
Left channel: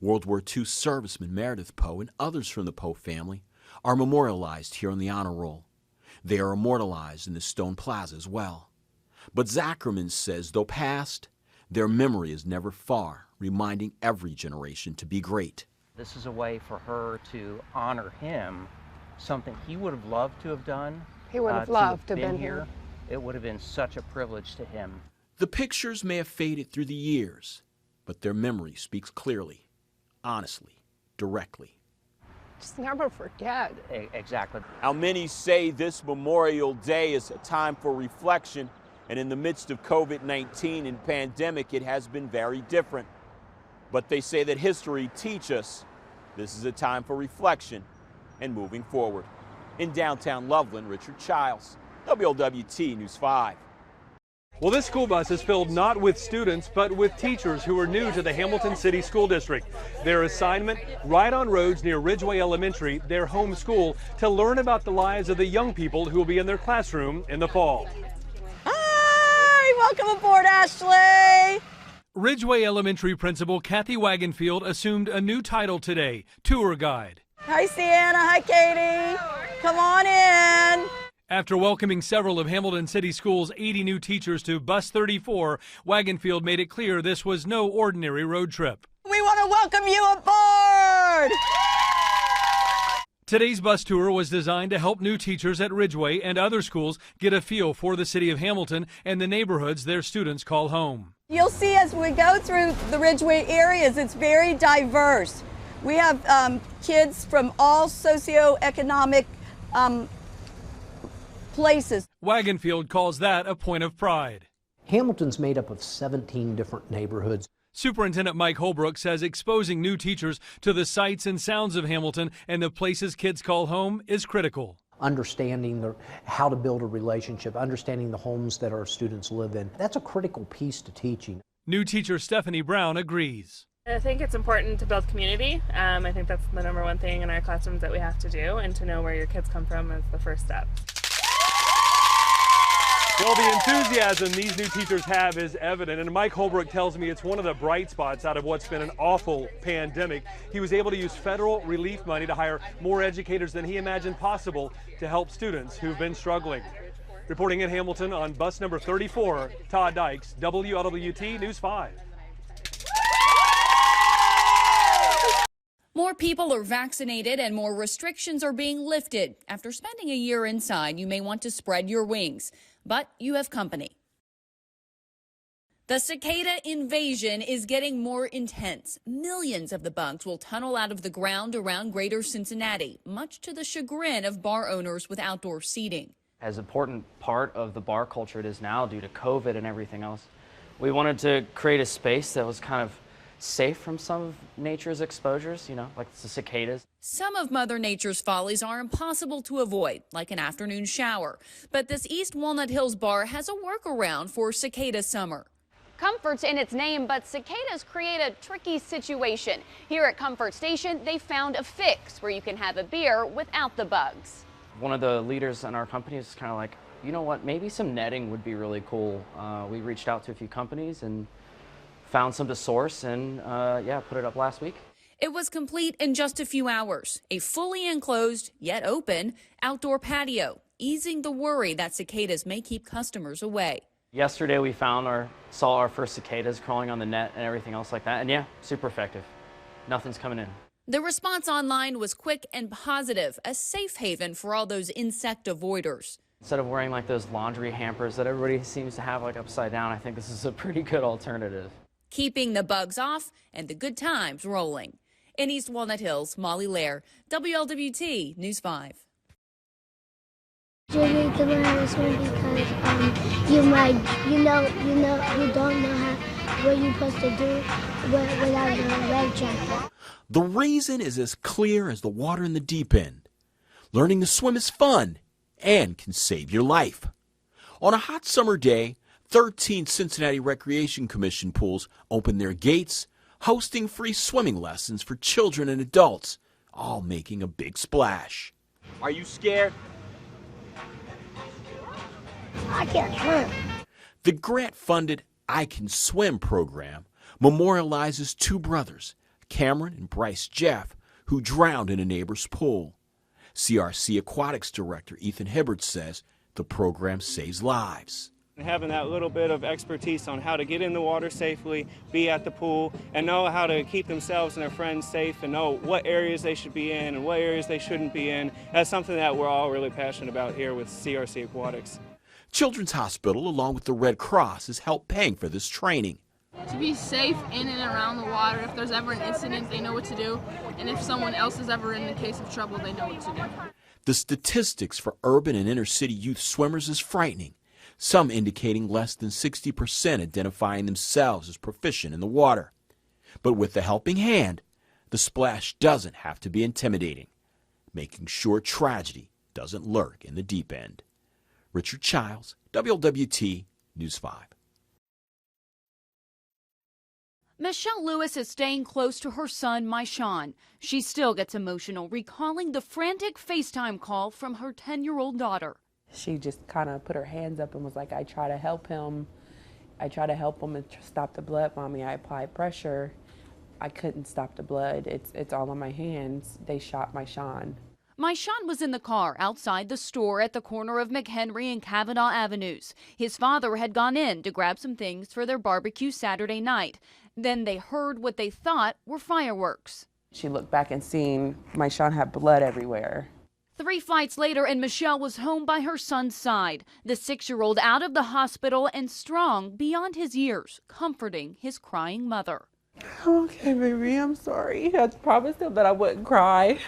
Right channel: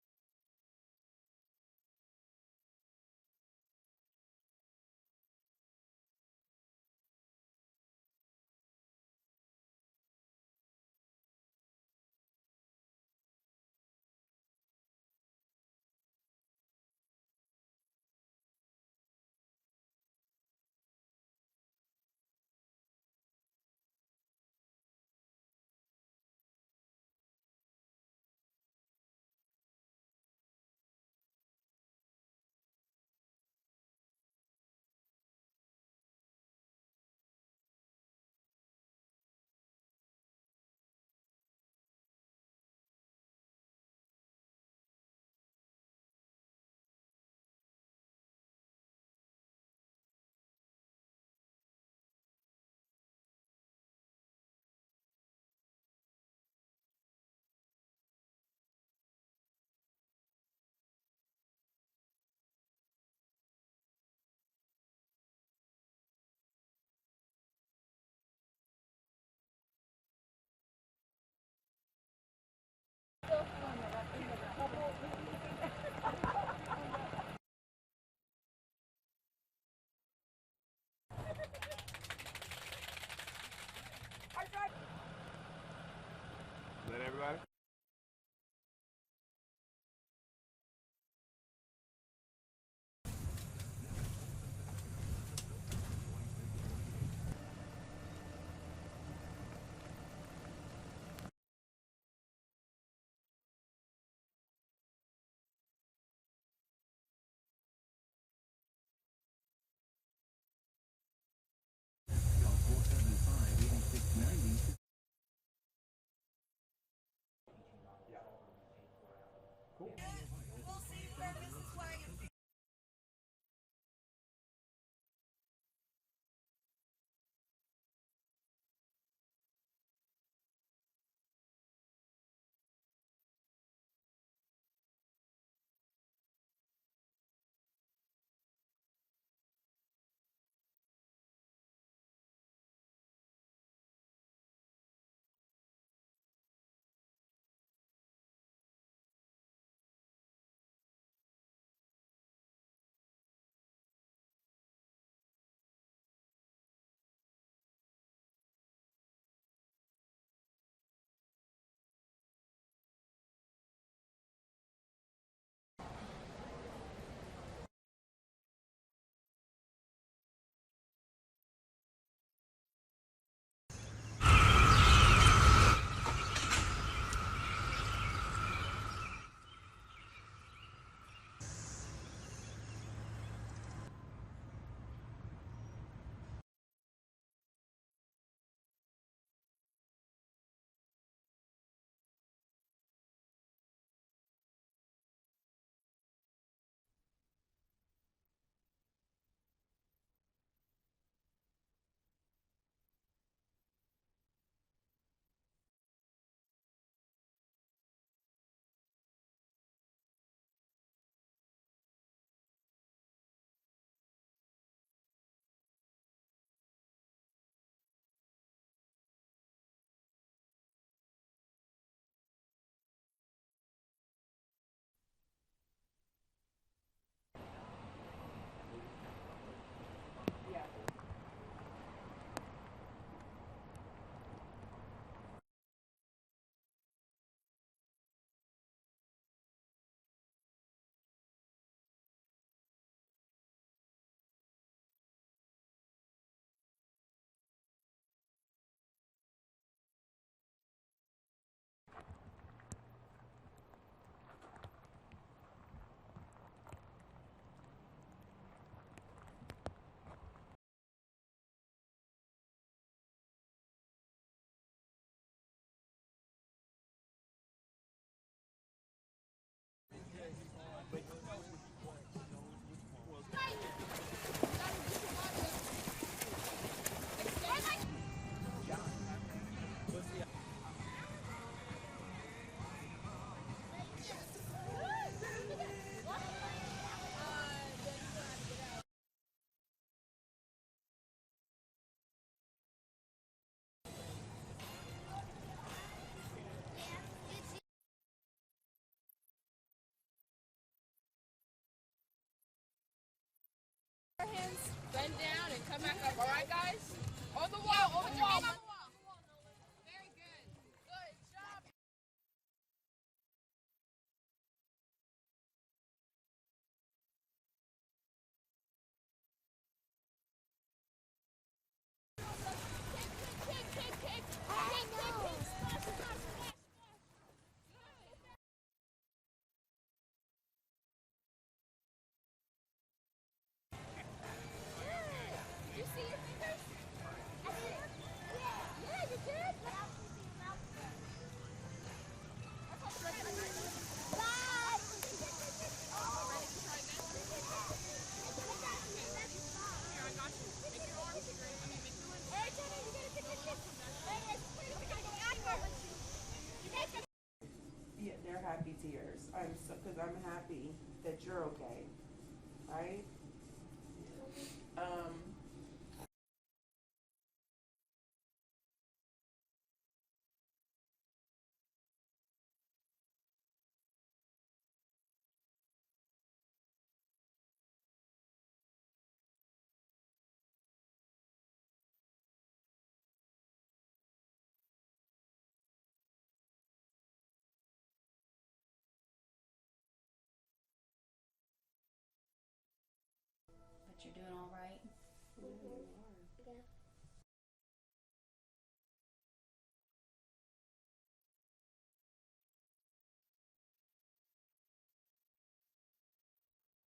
World War II serviceman Meredith Poe and others from the Poe family are memorialized here on the Honor Roll. They are immortalized in the stone plaza as well. But Zackerman says, though past, their memory is never far, reminding every generation to be great. This is a way for her to honor him, something he would have loved to have done. He would have loved to have been here. It would have been such a privilege to him. The pictures may have faded through the years, but their memory speaks clearly, honestly, directly. Just never forget. Exactly. Now, many say this Memorial Day is a time for reflection, and in the midst of COVID-19 and pandemic, it has been very different. But they say that history teaches us this is a time for reflection and moving forward. In downtown Loveland, Richard Childs, Wlwt News 5. Well, this school bus is filled not with students, but with teachers who are new to the Hamilton City School District. Their assignment, ride on roads near Ridgeway Elementary, their home school, to learn about the lives of the young people who will be in their classroom in the fall. Hi, welcome aboard, Ashley. Ridgeway Elementary Principal Kathy Wagenfield assumed a new title today, tour guide. Hi, Sienna. Hi, Katie. Come on in. After welcoming several of Hamilton City Schools' 80 new teachers to Bus 34, Wagenfield made it clear this was no ordinary road trip. We want to welcome you aboard! Today's bus tour was designed to help new teachers at Ridgeway and other schools get a feel for the city of Hamilton and the neighborhoods their students call home. You'll see as we go through the Ridgeway areas, it's very diverse. We have kids from all socioeconomic places. Wagenfield calls that a point of pride. Hamilton's made up of 17 different neighborhoods. Superintendent Mike Holbrook says exposing new teachers to the sights and sounds of Hamilton and the places kids call home is critical. Understanding how to build a relationship, understanding the homes that our students live in, that's a critical piece to teaching. New teacher Stephanie Brown agrees. I think it's important to build community. I think that's the #1 thing in our classrooms that we have to do, and to know where your kids come from is the first step. Well, the enthusiasm these new teachers have is evident, and Mike Holbrook tells me it's one of the bright spots out of what's been an awful pandemic. He was able to use federal relief money to hire more educators than he imagined possible to help students who've been struggling. Reporting in Hamilton on bus number 34, Todd Dykes, WLWT News 5. More people are vaccinated and more restrictions are being lifted. After spending a year inside, you may want to spread your wings, but you have company. The cicada invasion is getting more intense. Millions of the bugs will tunnel out of the ground around greater Cincinnati, much to the chagrin of bar owners with outdoor seating. As important part of the bar culture it is now due to COVID and everything else, we wanted to create a space that was kind of safe from some of nature's exposures, like the cicadas. Some of Mother Nature's follies are impossible to avoid, like an afternoon shower. But this East Walnut Hills bar has a workaround for cicada summer. Comfort's in its name, but cicadas create a tricky situation. Here at Comfort Station, they found a fix where you can have a beer without the bugs. One of the leaders in our company is kind of like, you know what, maybe some netting would be really cool. We reached out to a few companies and found some to source and put it up last week. It was complete in just a few hours. A fully enclosed, yet open, outdoor patio, easing the worry that cicadas may keep customers away. Yesterday we saw our first cicadas crawling on the net and everything else like that, and yeah, super effective. Nothing's coming in. The response online was quick and positive, a safe haven for all those insect avoiders. Instead of wearing like those laundry hampers that everybody seems to have like upside down, I think this is a pretty good alternative. Keeping the bugs off and the good times rolling. In East Walnut Hills, Molly Lair, WLWT News 5. Really the last one because you don't know what you're supposed to do without the red jacket. The reason is as clear as the water in the deep end. Learning to swim is fun and can save your life. On a hot summer day, 13 Cincinnati Recreation Commission pools open their gates, hosting free swimming lessons for children and adults, all making a big splash. Are you scared? I can't swim. The grant-funded I Can Swim program memorializes two brothers, Cameron and Bryce Jeff, who drowned in a neighbor's pool. CRC Aquatics Director Ethan Hibbert says the program saves lives. Having that little bit of expertise on how to get in the water safely, be at the pool, and know how to keep themselves and their friends safe and know what areas they should be in and what areas they shouldn't be in, that's something that we're all really passionate about here with CRC Aquatics. Children's Hospital, along with the Red Cross, has helped paying for this training. To be safe in and around the water, if there's ever an incident, they know what to do. And if someone else is ever in the case of trouble, they know what to do. The statistics for urban and inner city youth swimmers is frightening, some indicating less than 60% identifying themselves as proficient in the water. But with the helping hand, the splash doesn't have to be intimidating, making sure tragedy doesn't lurk in the deep end. Richard Childs, WLWT News 5. Michelle Lewis is staying close to her son, Myshawn. She still gets emotional recalling the frantic FaceTime call from her 10-year-old daughter. She just kind of put her hands up and was like, I try to help him. I try to help him and stop the blood, Mommy. I applied pressure. I couldn't stop the blood. It's all in my hands. They shot Myshawn. Myshawn was in the car outside the store at the corner of McHenry and Kavanaugh Avenues. His father had gone in to grab some things for their barbecue Saturday night. Then they heard what they thought were fireworks. She looked back and seen Myshawn had blood everywhere. 3 flights later, and Michelle was home by her son's side, the 6-year-old out of the hospital and strong beyond his years, comforting his crying mother. Okay, baby, I'm sorry. I promised him that I wouldn't cry.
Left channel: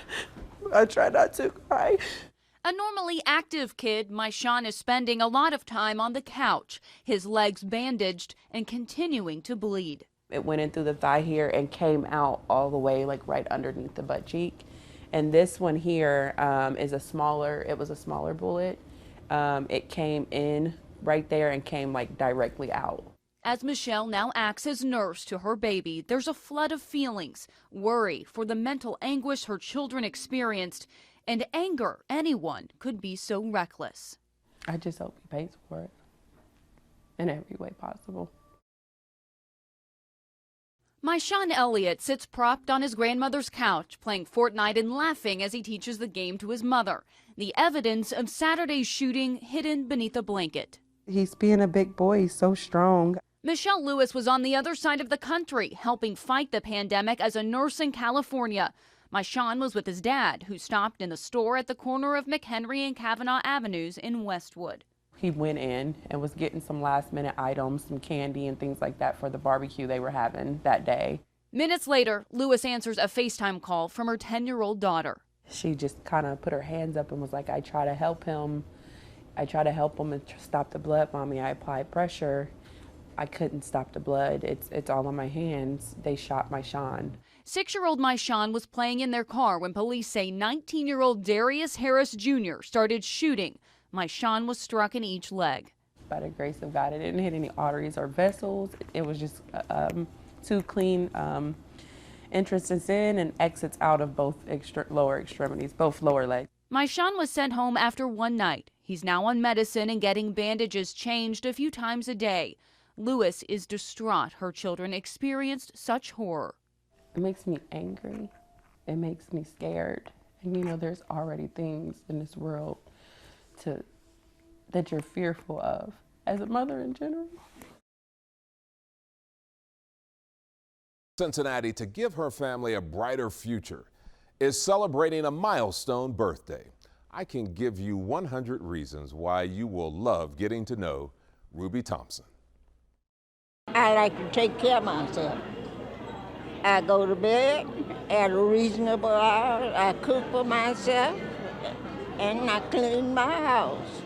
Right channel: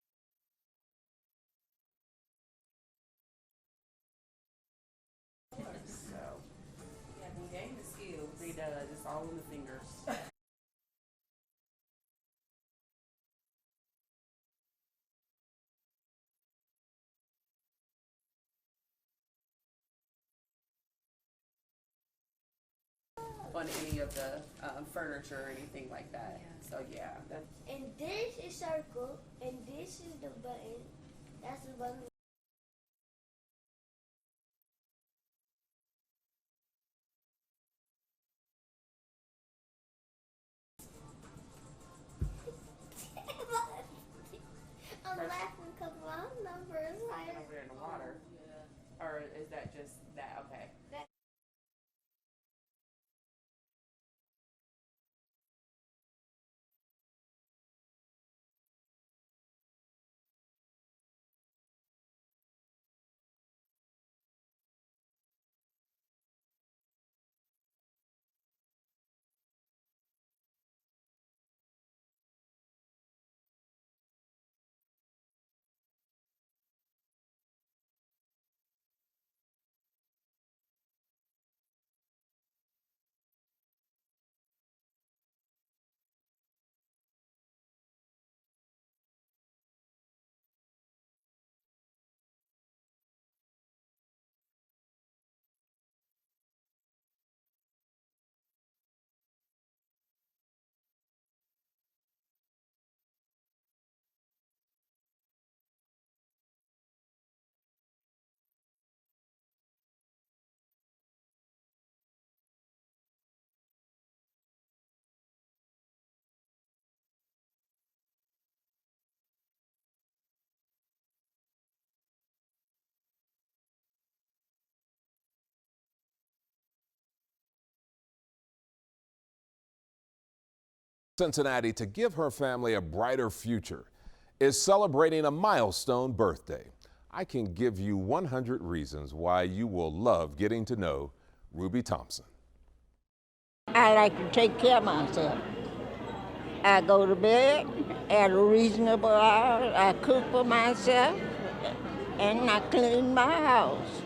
I try not to cry. A normally active kid, Myshawn is spending a lot of time on the couch, his legs bandaged and continuing to bleed. It went in through the thigh here and came out all the way like right underneath the butt cheek. And this one here is a smaller bullet. It came in right there and came like directly out. As Michelle now acts as nurse to her baby, there's a flood of feelings, worry for the mental anguish her children experienced, and anger anyone could be so reckless. I just hope he pays for it in every way possible. Myshawn Elliott sits propped on his grandmother's couch, playing Fortnite and laughing as he teaches the game to his mother. The evidence of Saturday's shooting hidden beneath a blanket. He's being a big boy, he's so strong. Michelle Lewis was on the other side of the country, helping fight the pandemic as a nurse in California. Myshawn was with his dad, who stopped in the store at the corner of McHenry and Kavanaugh Avenues in Westwood. He went in and was getting some last-minute items, some candy and things like that for the barbecue they were having that day. Minutes later, Lewis answers a FaceTime call from her 10-year-old daughter. She just kind of put her hands up and was like, I try to help him. I try to help him and stop the blood, Mommy. I applied pressure. I couldn't stop the blood. It's all in my hands. They shot Myshawn. 6-year-old Myshawn was playing in their car when police say 19-year-old Darius Harris Jr. started shooting. Myshawn was struck in each leg. By the grace of God, it didn't hit any arteries or vessels. It was just 2 clean entrances in and exits out of both lower extremities, both lower legs. Myshawn was sent home after one night. He's now on medicine and getting bandages changed a few times a day. Lewis is distraught her children experienced such horror. It makes me angry. It makes me scared. And you know, there's already things in this world that you're fearful of as a mother in general. Cincinnati, to give her family a brighter future, is celebrating a milestone birthday. I can give you 100 reasons why you will love getting to know Ruby Thompson. I like to take care of myself. I go to bed at a reasonable hour. I cook for myself, and I clean my house.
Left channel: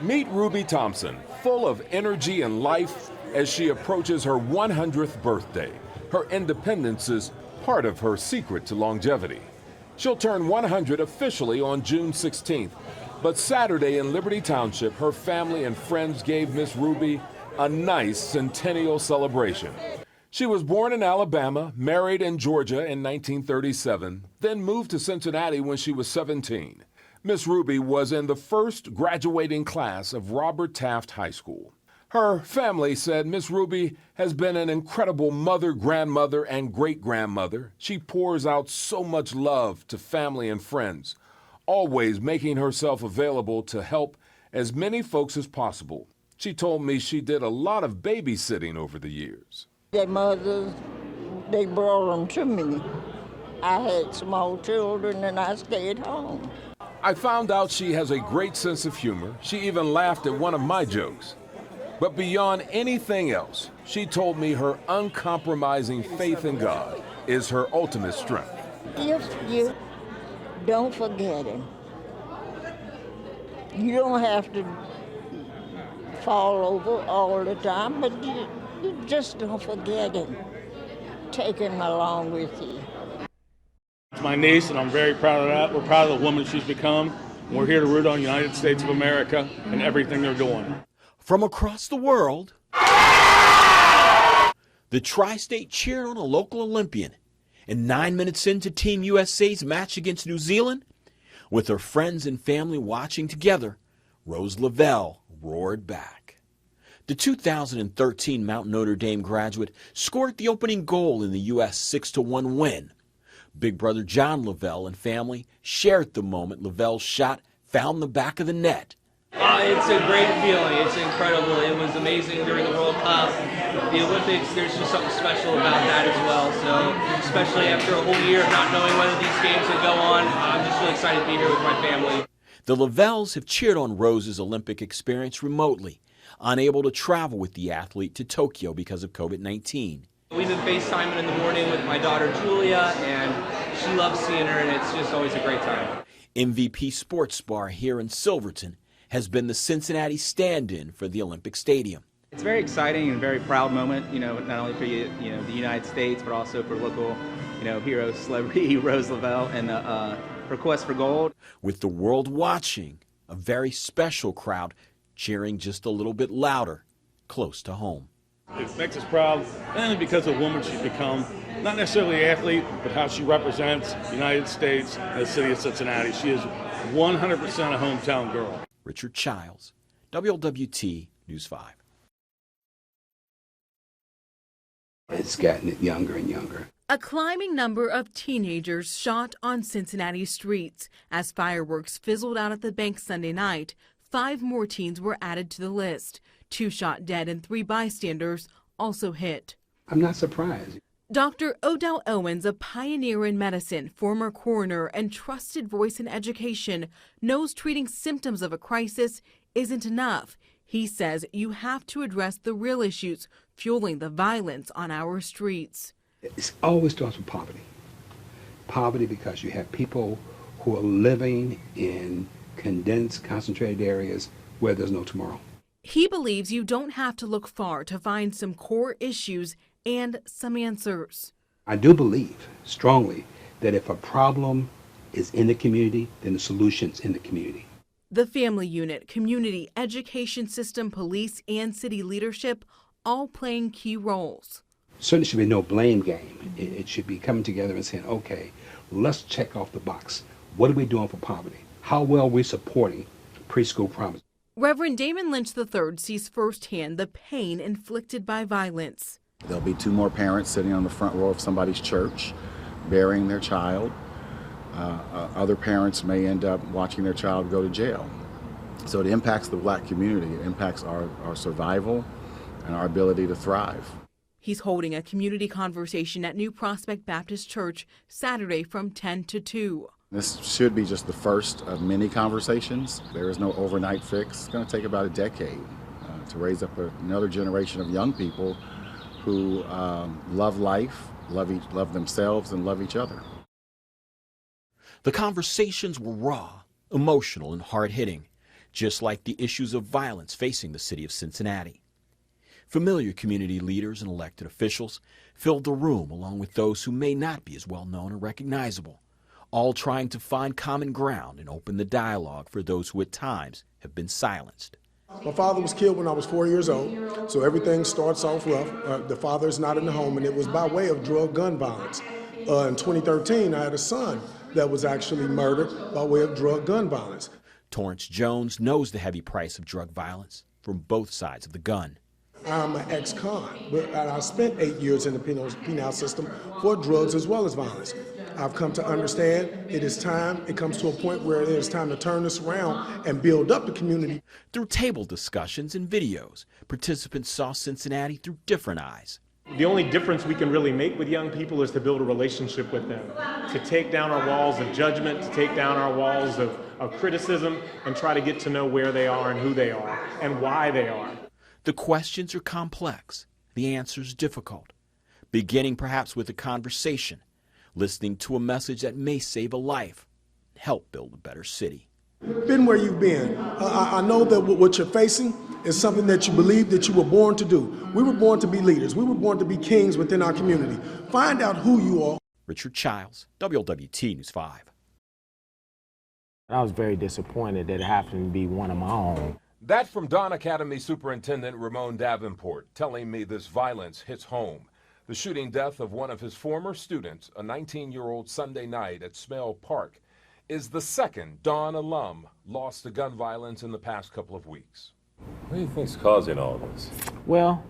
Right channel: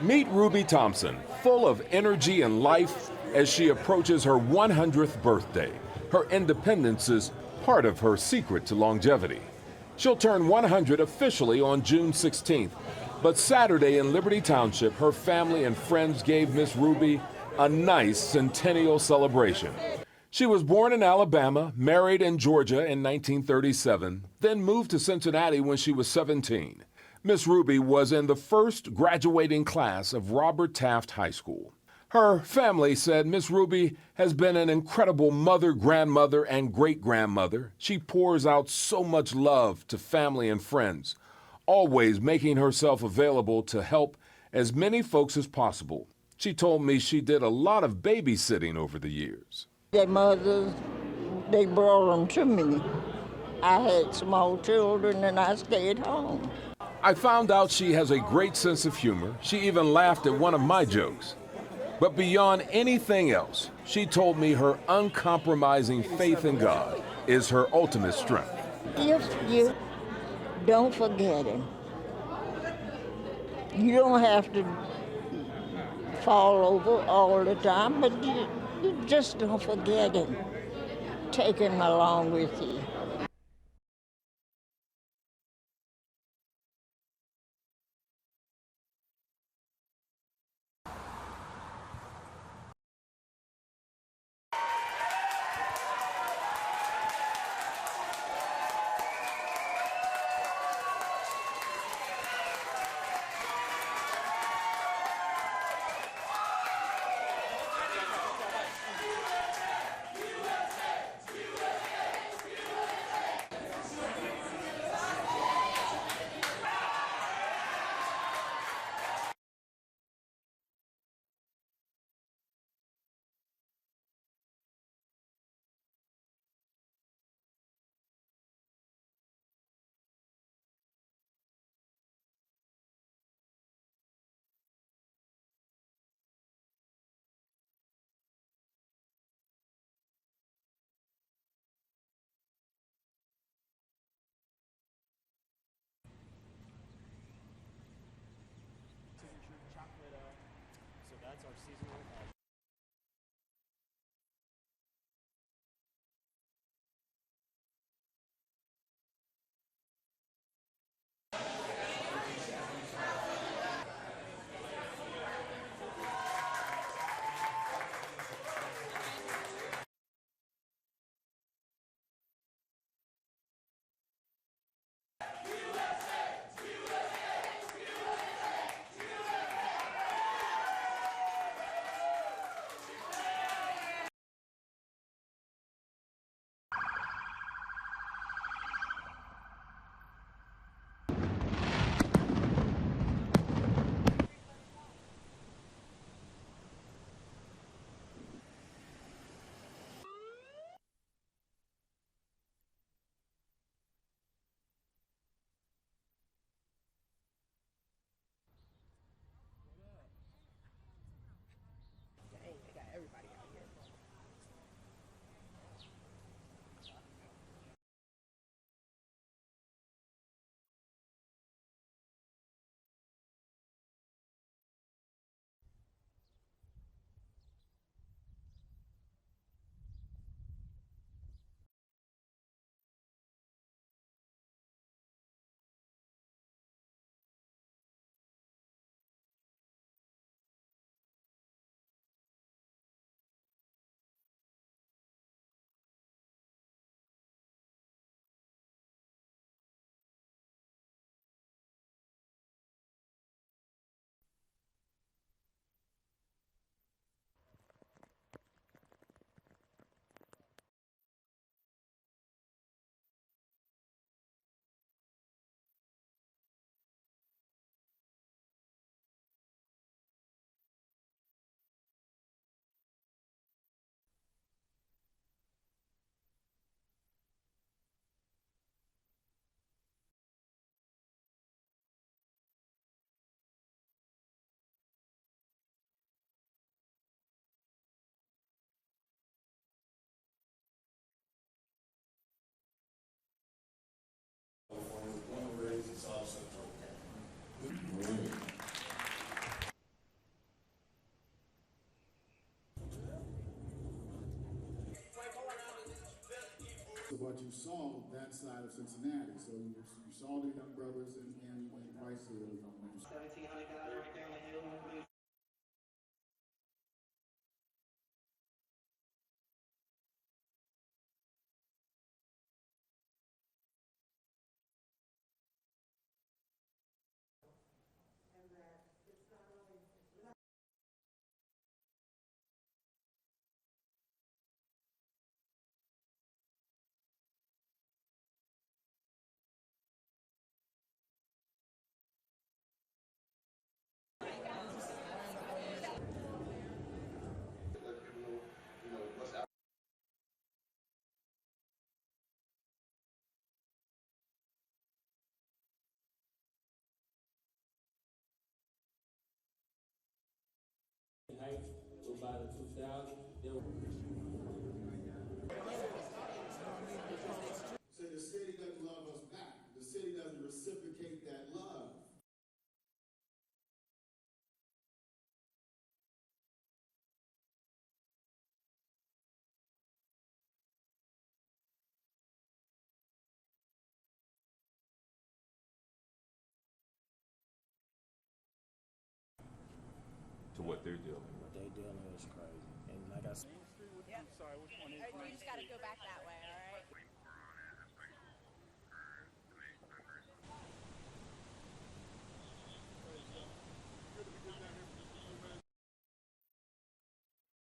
Meet Ruby Thompson, full of energy and life as she approaches her 100th birthday. Her independence's part of her secret to longevity. She'll turn 100 officially on June 16th, but Saturday in Liberty Township, her family and friends gave Miss Ruby a nice centennial celebration. She was born in Alabama, married in Georgia in 1937, then moved to Cincinnati when she was 17. Miss Ruby was in the first graduating class of Robert Taft High School. Her family said Miss Ruby has been an incredible mother, grandmother, and great-grandmother. She pours out so much love to family and friends, always making herself available to help as many folks as possible. She told me she did a lot of babysitting over the years. Their mothers, they brought them to me. I had small children and I stayed home. I found out she has a great sense of humor. She even laughed at one of my jokes. But beyond anything else, she told me her uncompromising faith in God is her ultimate strength. If you don't forget Him, you don't have to fall over all the time, but you just don't forget Him. Take Him along with you. It's my niece, and I'm very proud of that. We're proud of the woman she's become. We're here to root on the United States of America and everything they're doing. From across the world, the Tri-State cheered on a local Olympian. And 9 minutes into Team USA's match against New Zealand, with her friends and family watching together, Rose Lavelle roared back. The 2013 Mount Notre Dame graduate scored the opening goal in the U.S. 6-1 win. Big brother John Lavelle and family shared the moment Lavelle's shot found the back of the net. It's a great feeling. It's incredible. It was amazing during the World Cup. The Olympics, there's just something special about that as well. So, especially after a whole year of not knowing whether these games would go on, I'm just really excited to be here with my family. The Lavelles have cheered on Rose's Olympic experience remotely, unable to travel with the athlete to Tokyo because of COVID-19. We've been FaceTiming in the morning with my daughter Julia, and she loves seeing her, and it's just always a great time. MVP Sports Bar here in Silverton has been the Cincinnati stand-in for the Olympic Stadium. It's a very exciting and very proud moment, not only for the United States, but also for local, hero, celebrity Rose Lavelle and the her quest for gold. With the world watching, a very special crowd cheering just a little bit louder, close to home. It makes us proud, not only because of the woman she's become, not necessarily an athlete, but how she represents the United States and the city of Cincinnati. She is 100% a hometown girl. Richard Childs, WLWT News 5. It's gotten younger and younger. A climbing number of teenagers shot on Cincinnati streets. As fireworks fizzled out at the bank Sunday night, 5 more teens were added to the list. 2 shot dead and 3 bystanders also hit. I'm not surprised. Dr. Odell Owens, a pioneer in medicine, former coroner, and trusted voice in education, knows treating symptoms of a crisis isn't enough. He says you have to address the real issues fueling the violence on our streets. It always starts with poverty. Poverty because you have people who are living in condensed, concentrated areas where there's no tomorrow. He believes you don't have to look far to find some core issues and some answers. I do believe strongly that if a problem is in the community, then the solution's in the community. The family unit, community, education system, police, and city leadership all playing key roles. Certainly should be no blame game. It should be coming together and saying, okay, let's check off the box. What are we doing for poverty? How well are we supporting preschool promise? Reverend Damon Lynch III sees firsthand the pain inflicted by violence. There'll be 2 more parents sitting on the front row of somebody's church, burying their child. Other parents may end up watching their child go to jail. So it impacts the black community. It impacts our survival and our ability to thrive. He's holding a community conversation at New Prospect Baptist Church Saturday from 10 to 2. This should be just the first of many conversations. There is no overnight fix. It's going to take about a decade to raise up another generation of young people who love life, love themselves, and love each other. The conversations were raw, emotional, and hard-hitting, just like the issues of violence facing the city of Cincinnati. Familiar community leaders and elected officials filled the room along with those who may not be as well known or recognizable, all trying to find common ground and open the dialogue for those who at times have been silenced. My father was killed when I was 4 years old, so everything starts off rough. The father is not in the home, and it was by way of gun violence. In 2013, I had a son that was actually murdered by way of gun violence. Torrance Jones knows the heavy price of drug violence from both sides of the gun. I'm an ex-con, but I spent 8 years in the penal system for drugs as well as violence. I've come to understand it is time, it comes to a point where it is time to turn this around and build up the community. Through table discussions and videos, participants saw Cincinnati through different eyes. The only difference we can really make with young people is to build a relationship with them, to take down our walls of judgment, to take down our walls of criticism, and try to get to know where they are and who they are and why they are. The questions are complex, the answers difficult, beginning perhaps with a conversation, listening to a message that may save a life, help build a better city. Been where you've been. I know that what you're facing is something that you believe that you were born to do. We were born to be leaders. We were born to be kings within our community. Find out who you are. Richard Childs, Wlwt News 5. I was very disappointed that it happened to be one of my own. That from Don Academy Superintendent Ramon Davenport telling me this violence hits home. The shooting death of one of his former students, a 19-year-old Sunday night at Smale Park, is the second Don alum lost to gun violence in the past couple of weeks. What do you think's causing all this? Well,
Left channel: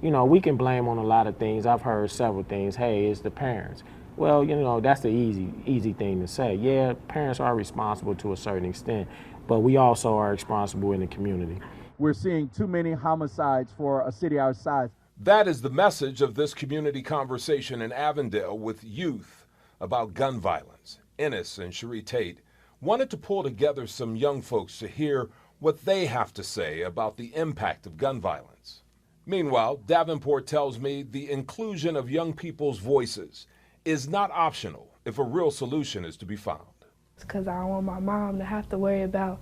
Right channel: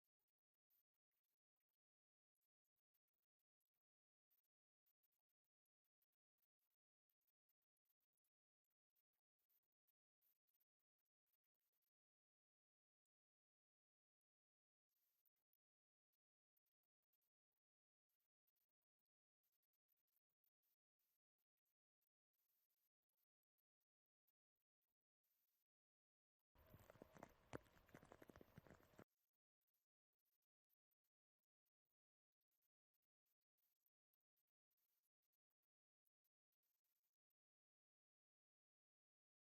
you know, we can blame on a lot of things. I've heard several things. Hey, it's the parents. Well, you know, that's the easy thing to say. Yeah, parents are responsible to a certain extent, but we also are responsible in the community. We're seeing too many homicides for a city our size. That is the message of this community conversation in Avondale with youth about gun violence. Ennis and Cherie Tate wanted to pull together some young folks to hear what they have to say about the impact of gun violence. Meanwhile, Davenport tells me the inclusion of young people's voices is not optional if a real solution is to be found. Because I don't want my mom to have to worry about,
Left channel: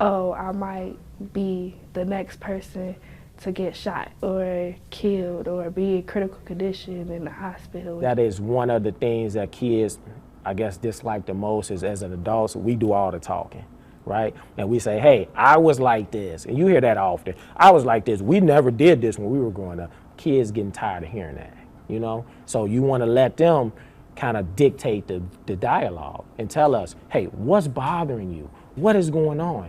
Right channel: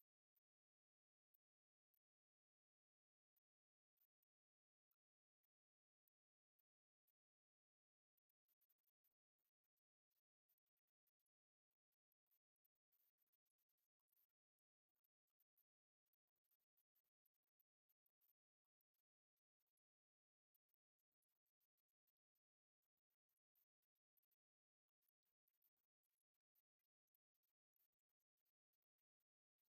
oh, I might be the next person to get shot or killed or be in critical condition in the hospital. That is one of the things that kids, I guess, dislike the most is as an adult, we do all the talking, right? And we say, hey, I was like this, and you hear that often. I was like this. We never did this when we were growing up. Kids getting tired of hearing that, you know? So you want to let them kind of dictate the dialogue and tell us, hey, what's bothering you? What is going on?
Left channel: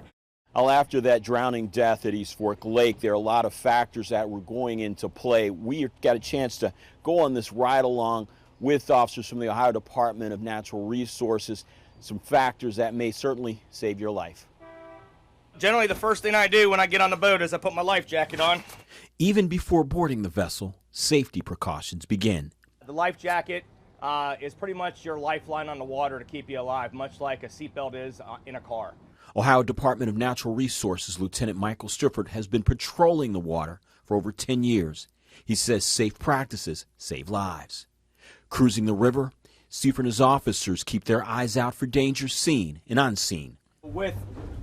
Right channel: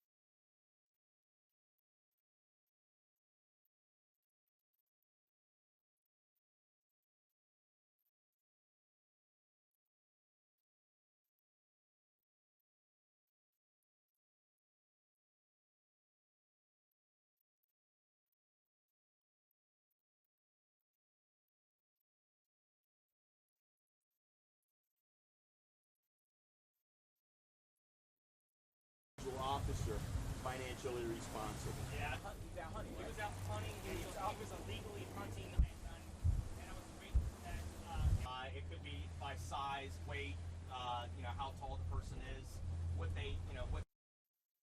Well, after that drowning death at East Fork Lake, there are a lot of factors that were going into play. We got a chance to go on this ride along with officers from the Ohio Department of Natural Resources, some factors that may certainly save your life. Generally, the first thing I do when I get on the boat is I put my life jacket on. Even before boarding the vessel, safety precautions begin. The life jacket is pretty much your lifeline on the water to keep you alive, much like a seatbelt is in a car. Ohio Department of Natural Resources Lieutenant Michael Strippert has been patrolling the water for over 10 years. He says safe practices save lives. Cruising the river, Strippert and his officers keep their eyes out for dangers seen and unseen. With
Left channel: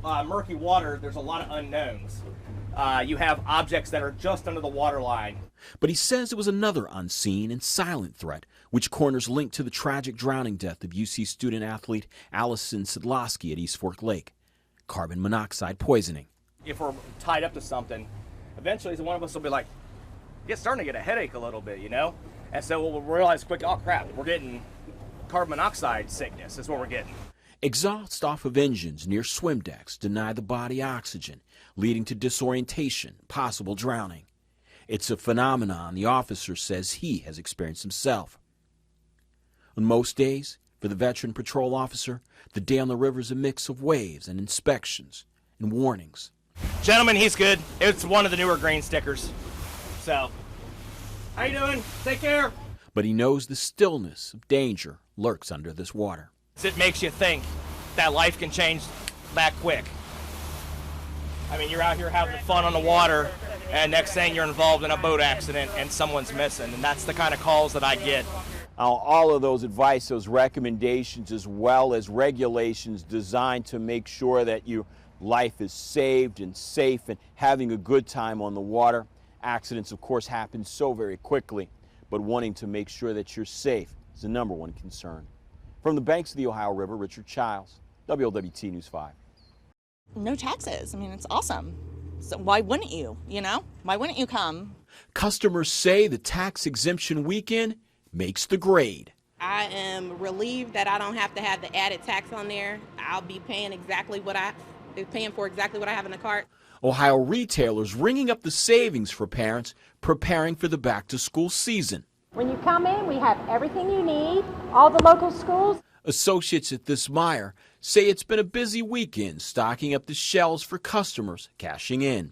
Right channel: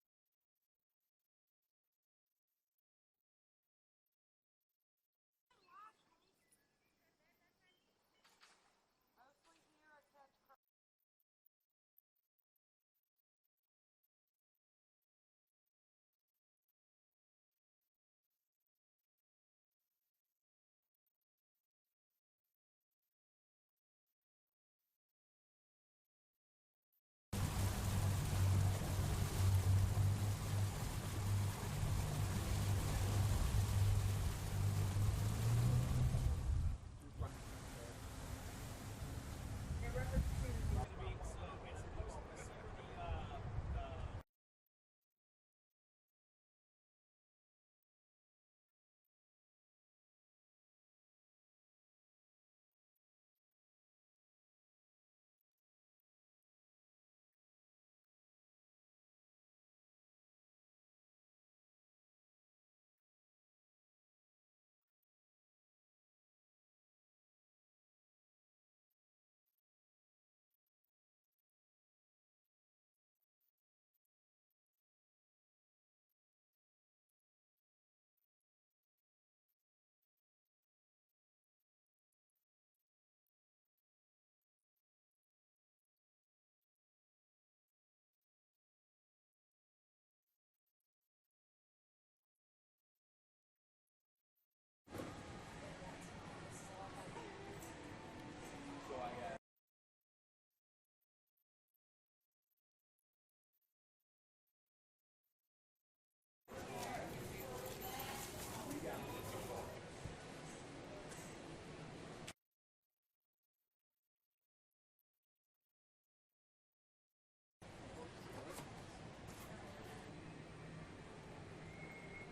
murky water, there's a lot of unknowns. You have objects that are just under the water line. But he says it was another unseen and silent threat, which corners linked to the tragic drowning death of UC student athlete Allison Sidlowski at East Fork Lake. Carbon monoxide poisoning. If we're tied up to something, eventually one of us will be like, starting to get a headache a little bit, you know? And so we'll realize quick, oh crap, we're getting carbon monoxide sickness is what we're getting. Exhaust off of engines near swim decks deny the body oxygen, leading to disorientation, possible drowning. It's a phenomenon the officer says he has experienced himself. On most days, for the veteran patrol officer, the day on the river is a mix of waves and inspections and warnings. Gentlemen, he's good. It's one of the newer green stickers. So, how you doing? Take care. But he knows the stillness of danger lurks under this water. It makes you think that life can change that quick. I mean, you're out here having fun on the water, and next thing you're involved in a boat accident and someone's missing, and that's the kind of calls that I get. All of those advice, those recommendations, as well as regulations designed to make sure that your life is saved and safe and having a good time on the water, Accidents, of course, happen so very quickly, but wanting to make sure that you're safe is the #1 concern. From the banks of the Ohio River, Richard Childs, WLWT News 5. No taxes. I mean, it's awesome. So why wouldn't you, you know? Why wouldn't you come? Customers say the tax exemption weekend makes the grade. I am relieved that I don't have to have the added tax on there. I'll be paying for exactly what I have in the cart. Ohio retailers ringing up the savings for parents preparing for the back-to-school season. When you come in, we have everything you need, all the local schools. Associates at this Meijer say it's been a busy weekend stocking up the shelves for customers cashing in.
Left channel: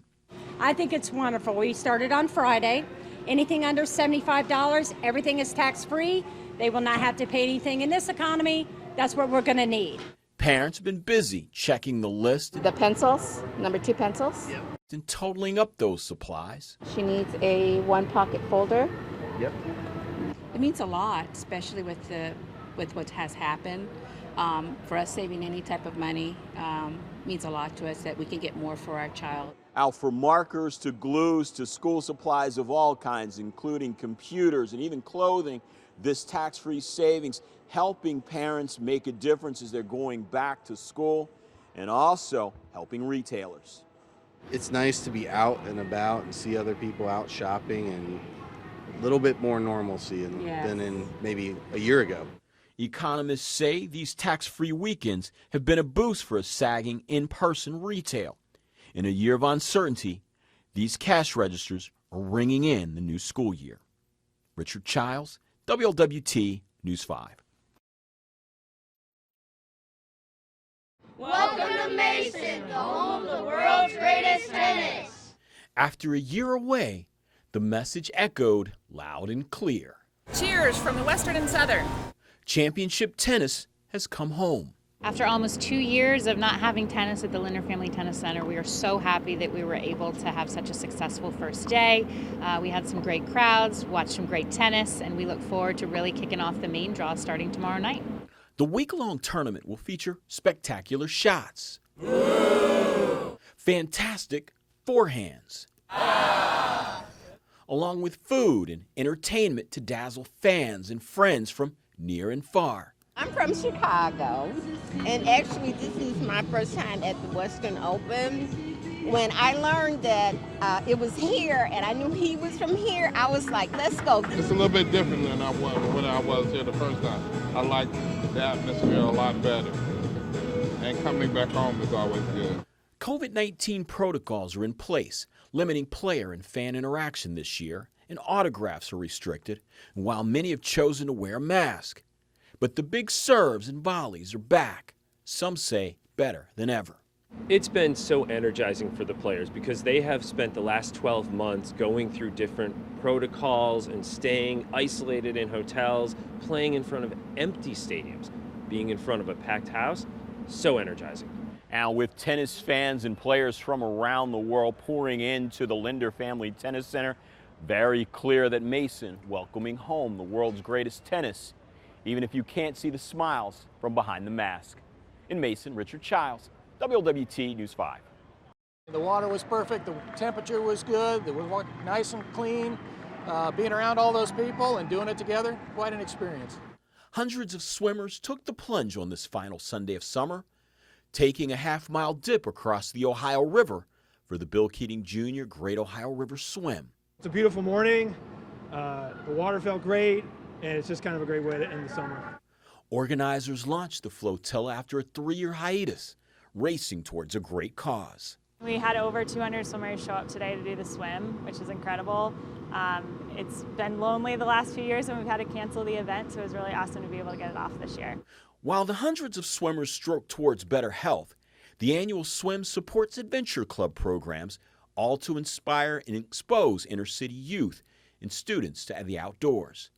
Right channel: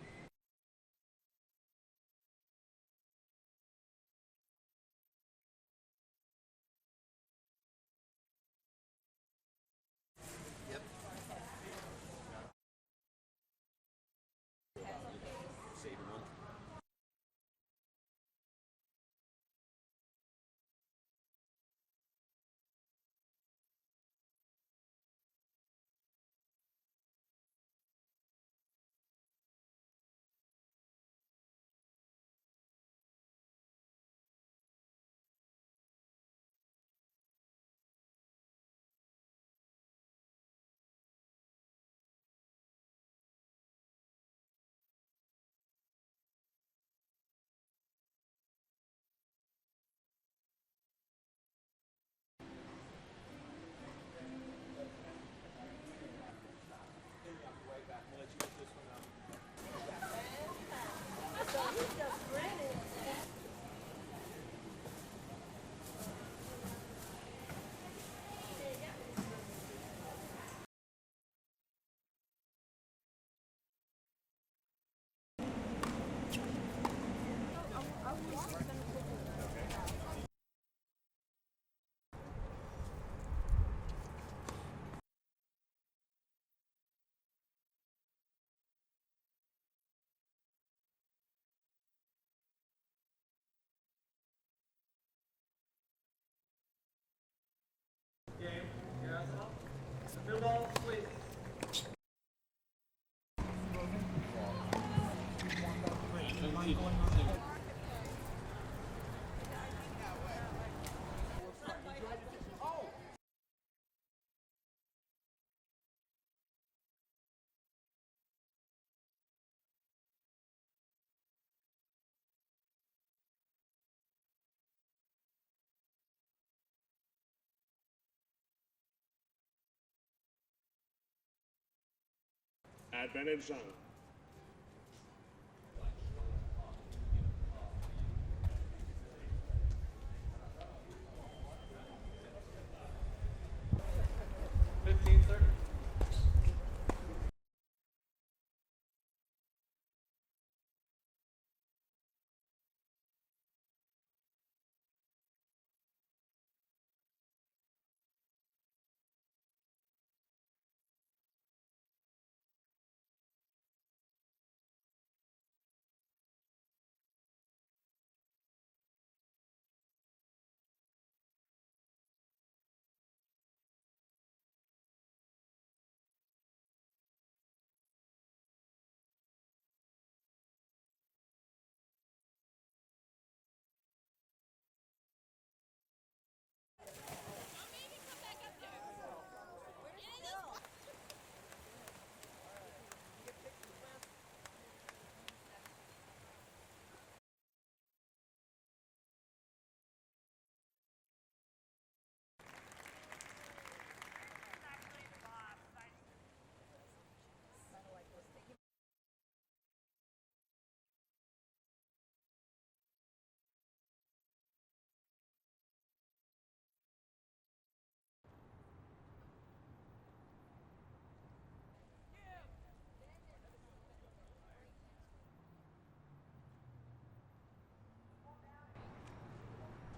I think it's wonderful. We started on Friday. Anything under $75, everything is tax-free. They will not have to pay anything in this economy. That's what we're going to need. Parents have been busy checking the list. The pencils, #2 pencils. And totaling up those supplies. She needs a 1-pocket folder. Yep. It means a lot, especially with what has happened. For us, saving any type of money means a lot to us that we can get more for our child. Out for markers to glues to school supplies of all kinds, including computers and even clothing. This tax-free savings helping parents make a difference as they're going back to school, and also helping retailers. It's nice to be out and about and see other people out shopping, and a little bit more normalcy than in maybe a year ago. Economists say these tax-free weekends have been a boost for a sagging in-person retail. In a year of uncertainty, these cash registers are ringing in the new school year. Richard Childs, WLWT News 5. Welcome to Mason, the home of the world's greatest tennis. After a year away, the message echoed loud and clear. Cheers from the Western and Southern. Championship tennis has come home. After almost 2 years of not having tennis at the Linder Family Tennis Center, we are so happy that we were able to have such a successful first day. We had some great crowds, watched some great tennis, and we look forward to really kicking off the main draw starting tomorrow night. The week-long tournament will feature spectacular shots, fantastic forehands, along with food and entertainment to dazzle fans and friends from near and far. I'm from Chicago, and actually this is my first time at the Western Open. When I learned that it was here and I knew he was from here, I was like, let's go. It's a little bit different than when I was here the first time. I like the atmosphere a lot better, and coming back home is always good. COVID-19 protocols are in place, limiting player and fan interaction this year, and autographs are restricted, while many have chosen to wear a mask. But the big serves and volleys are back, some say better than ever. It's been so energizing for the players because they have spent the last 12 months going through different protocols and staying isolated in hotels, playing in front of empty stadiums, being in front of a packed house, so energizing. Now, with tennis fans and players from around the world pouring into the Linder Family Tennis Center, very clear that Mason welcoming home the world's greatest tennis, even if you can't see the smiles from behind the mask. In Mason, Richard Childs, WLWT News 5. The water was perfect, the temperature was good, it was nice and clean. Being around all those people and doing it together, quite an experience. Hundreds of swimmers took the plunge on this final Sunday of summer, taking a half-mile dip across the Ohio River for the Bill Keating Jr. Great Ohio River Swim. It's a beautiful morning, the water felt great, and it's just kind of a great way to end the summer. Organizers launched the flotilla after a 3-year hiatus, racing towards a great cause. We had over 200 swimmers show up today to do the swim, which is incredible. It's been lonely the last few years and we've had to cancel the event, so it was really awesome to be able to get it off this year. While the hundreds of swimmers stroke towards better health, the annual swim supports Adventure Club programs, all to inspire and expose inner-city youth and students to the outdoors.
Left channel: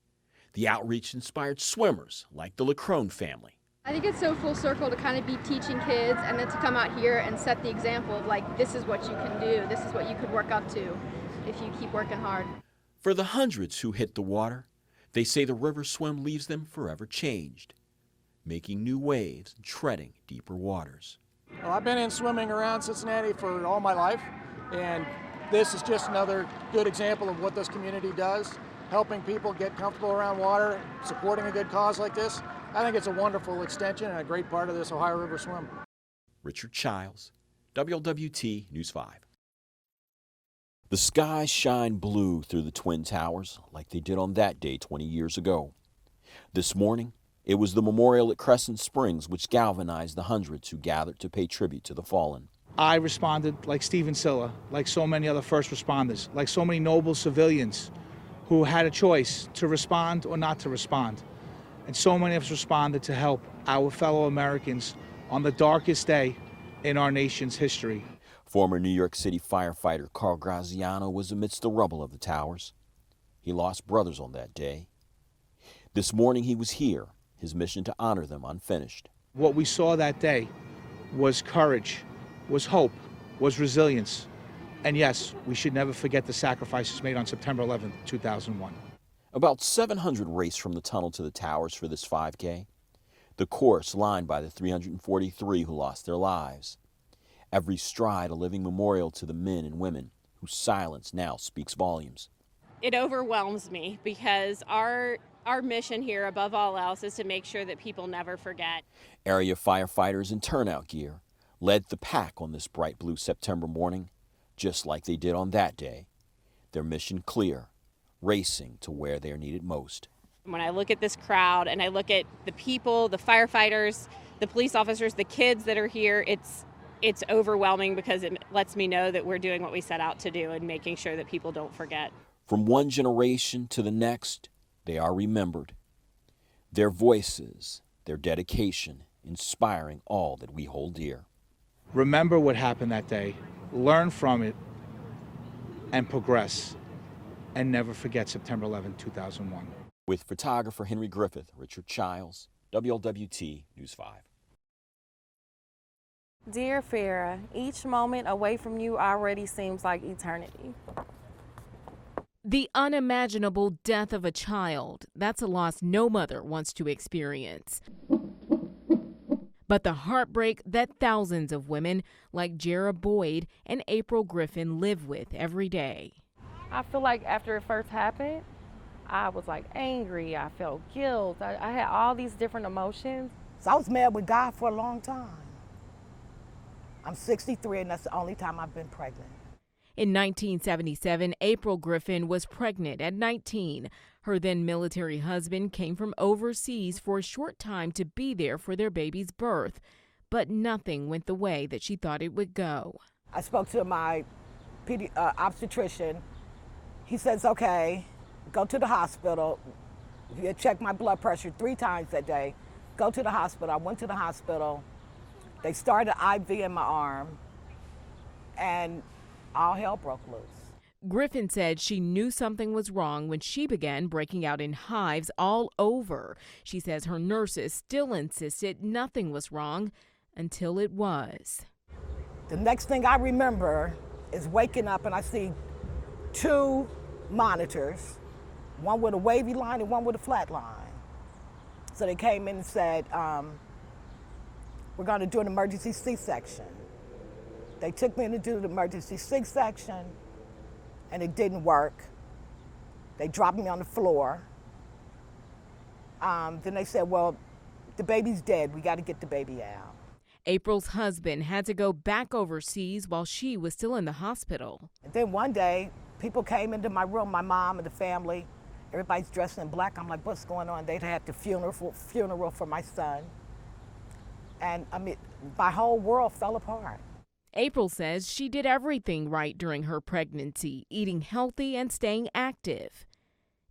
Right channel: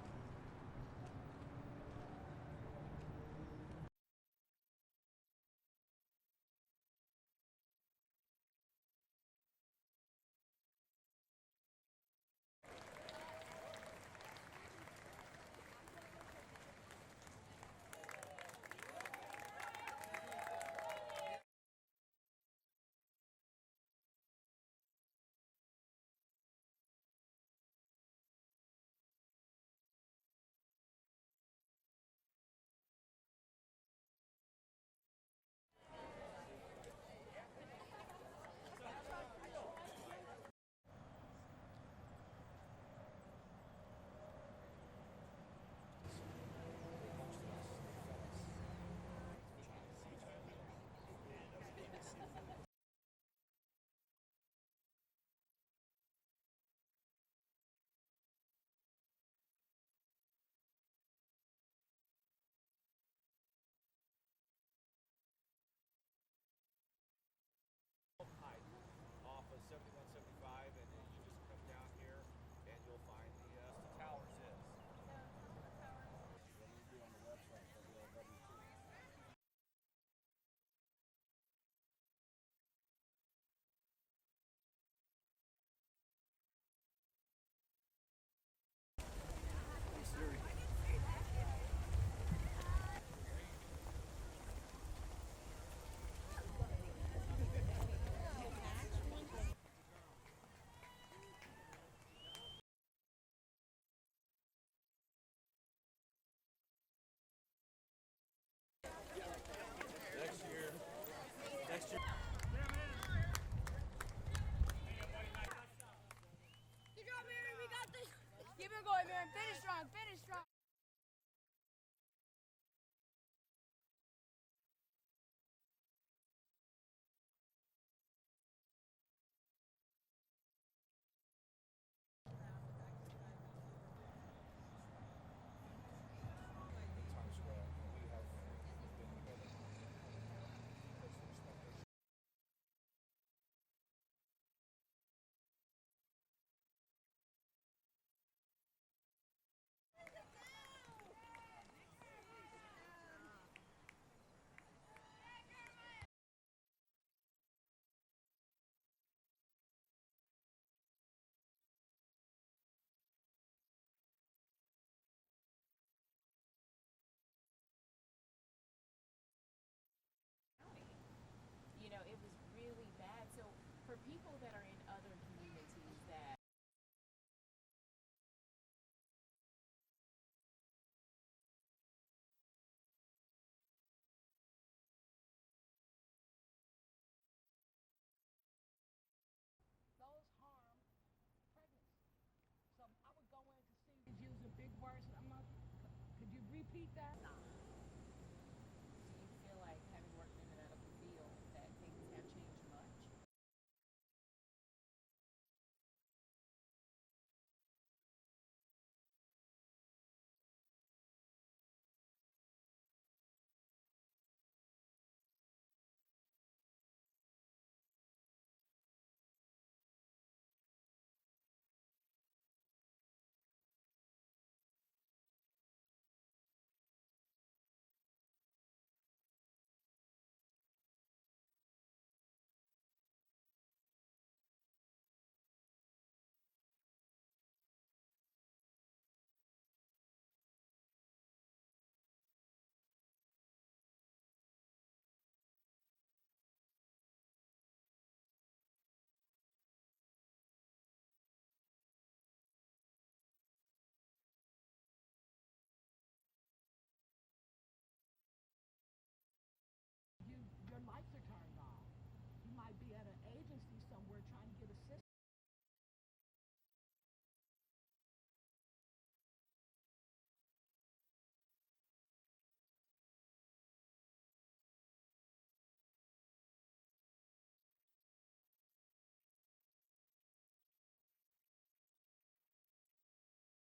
The outreach inspired swimmers like the Lacrone family. I think it's so full circle to kind of be teaching kids and then to come out here and set the example of like, this is what you can do, this is what you could work up to if you keep working hard. For the hundreds who hit the water, they say the river swim leaves them forever changed, making new waves and treading deeper waters. Well, I've been in swimming around Cincinnati for all my life, and this is just another good example of what this community does, helping people get comfortable around water, supporting a good cause like this. I think it's a wonderful extension and a great part of this Ohio River swim. Richard Childs, WLWT News 5. The skies shine blue through the Twin Towers like they did on that day 20 years ago. This morning, it was the memorial at Crescent Springs which galvanized the hundreds who gathered to pay tribute to the fallen. I responded like Stephen Silla, like so many other first responders, like so many noble civilians who had a choice to respond or not to respond. And so many of us responded to help our fellow Americans on the darkest day in our nation's history. Former New York City firefighter Carl Graziano was amidst the rubble of the towers. He lost brothers on that day. This morning he was here, his mission to honor them unfinished. What we saw that day was courage, was hope, was resilience. And yes, we should never forget the sacrifices made on September 11th, 2001. About 700 raced from the tunnel to the towers for this 5K. The course lined by the 343 who lost their lives. Every stride a living memorial to the men and women whose silence now speaks volumes. It overwhelms me because our mission here, above all else, is to make sure that people never forget. Area firefighters in turnout gear led the pack on this bright blue September morning, just like they did on that day. Their mission clear, racing to where they are needed most. When I look at this crowd and I look at the people, the firefighters, the police officers, the kids that are here, it's overwhelming because it lets me know that we're doing what we set out to do and making sure that people don't forget. From one generation to the next, they are remembered. Their voices, their dedication, inspiring all that we hold dear. Remember what happened that day, learn from it, and progress, and never forget September 11, 2001. With photographer Henry Griffith, Richard Childs, WLWT News 5. Dear Farrah, each moment away from you already seems like eternity. The unimaginable death of a child, that's a loss no mother wants to experience. But the heartbreak that thousands of women like Jera Boyd and April Griffin live with every day. I feel like after it first happened, I was like angry, I felt guilt, I had all these different emotions. So I was mad with God for a long time. I'm 63 and that's the only time I've been pregnant. In 1977, April Griffin was pregnant at 19. Her then military husband came from overseas for a short time to be there for their baby's birth. But nothing went the way that she thought it would go. I spoke to my obstetrician. He says, okay, go to the hospital. You check my blood pressure 3 times that day. Go to the hospital. I went to the hospital. They started IV in my arm, and all hell broke loose. Griffin said she knew something was wrong when she began breaking out in hives all over. She says her nurses still insisted nothing was wrong until it was. The next thing I remember is waking up and I see 2 monitors, one with a wavy line and one with a flat line. So they came in and said, we're going to do an emergency C-section. They took me in to do the emergency C-section, and it didn't work. They dropped me on the floor. Then they said, well, the baby's dead. We got to get the baby out. April's husband had to go back overseas while she was still in the hospital. And then one day, people came into my room, my mom and the family. Everybody's dressed in black. I'm like, what's going on? They'd had the funeral for my son. And I mean, my whole world fell apart. April says she did everything right during her pregnancy, eating healthy and staying active.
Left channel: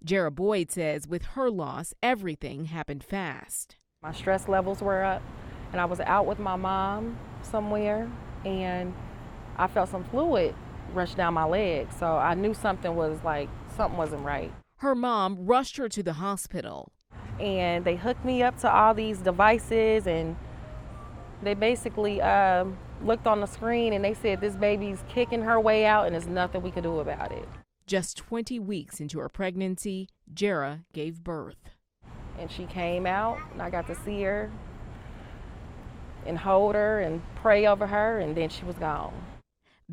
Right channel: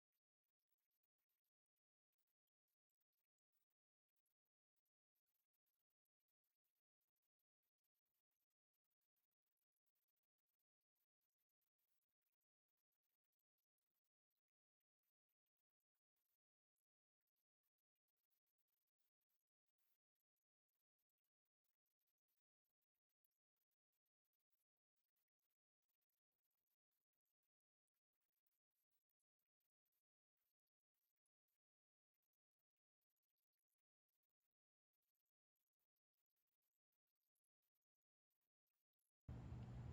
Jera Boyd says with her loss, everything happened fast. My stress levels were up, and I was out with my mom somewhere, and I felt some fluid rush down my leg, so I knew something wasn't right. Her mom rushed her to the hospital. And they hooked me up to all these devices, and they basically looked on the screen and they said this baby's kicking her way out and there's nothing we could do about it. Just 20 weeks into her pregnancy, Jera gave birth. And she came out and I got to see her and hold her and pray over her, and then she was gone.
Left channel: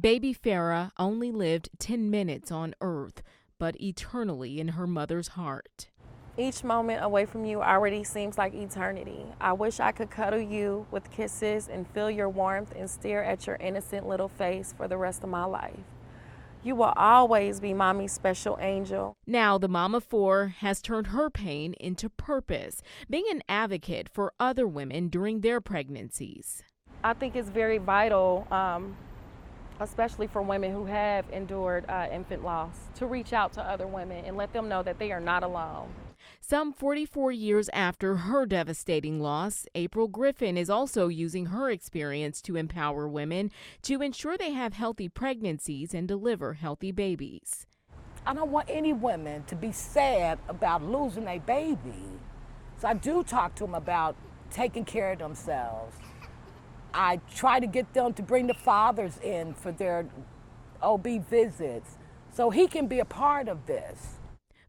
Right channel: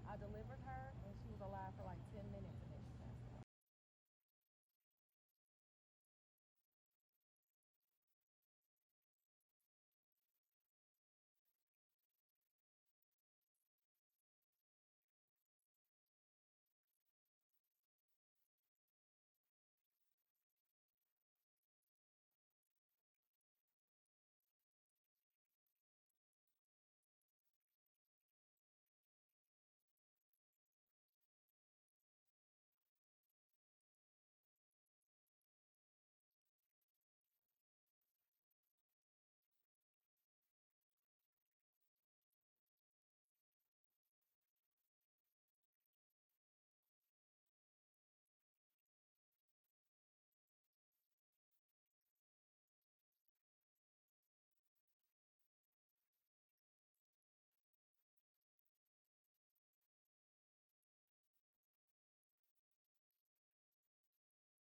Baby Farah only lived 10 minutes on Earth, but eternally in her mother's heart. Each moment away from you already seems like eternity. I wish I could cuddle you with kisses and feel your warmth and stare at your innocent little face for the rest of my life. You will always be Mommy's special angel. Now the mom of 4 has turned her pain into purpose, being an advocate for other women during their pregnancies. I think it's very vital, especially for women who have endured infant loss, to reach out to other women and let them know that they are not alone. Some 44 years after her devastating loss, April Griffith is also using her experience to empower women to ensure they have healthy pregnancies and deliver healthy babies. I don't want any women to be sad about losing a baby. So I do talk to them about taking care of themselves. I try to get them to bring the fathers in for their OB visits so he can be a part of this.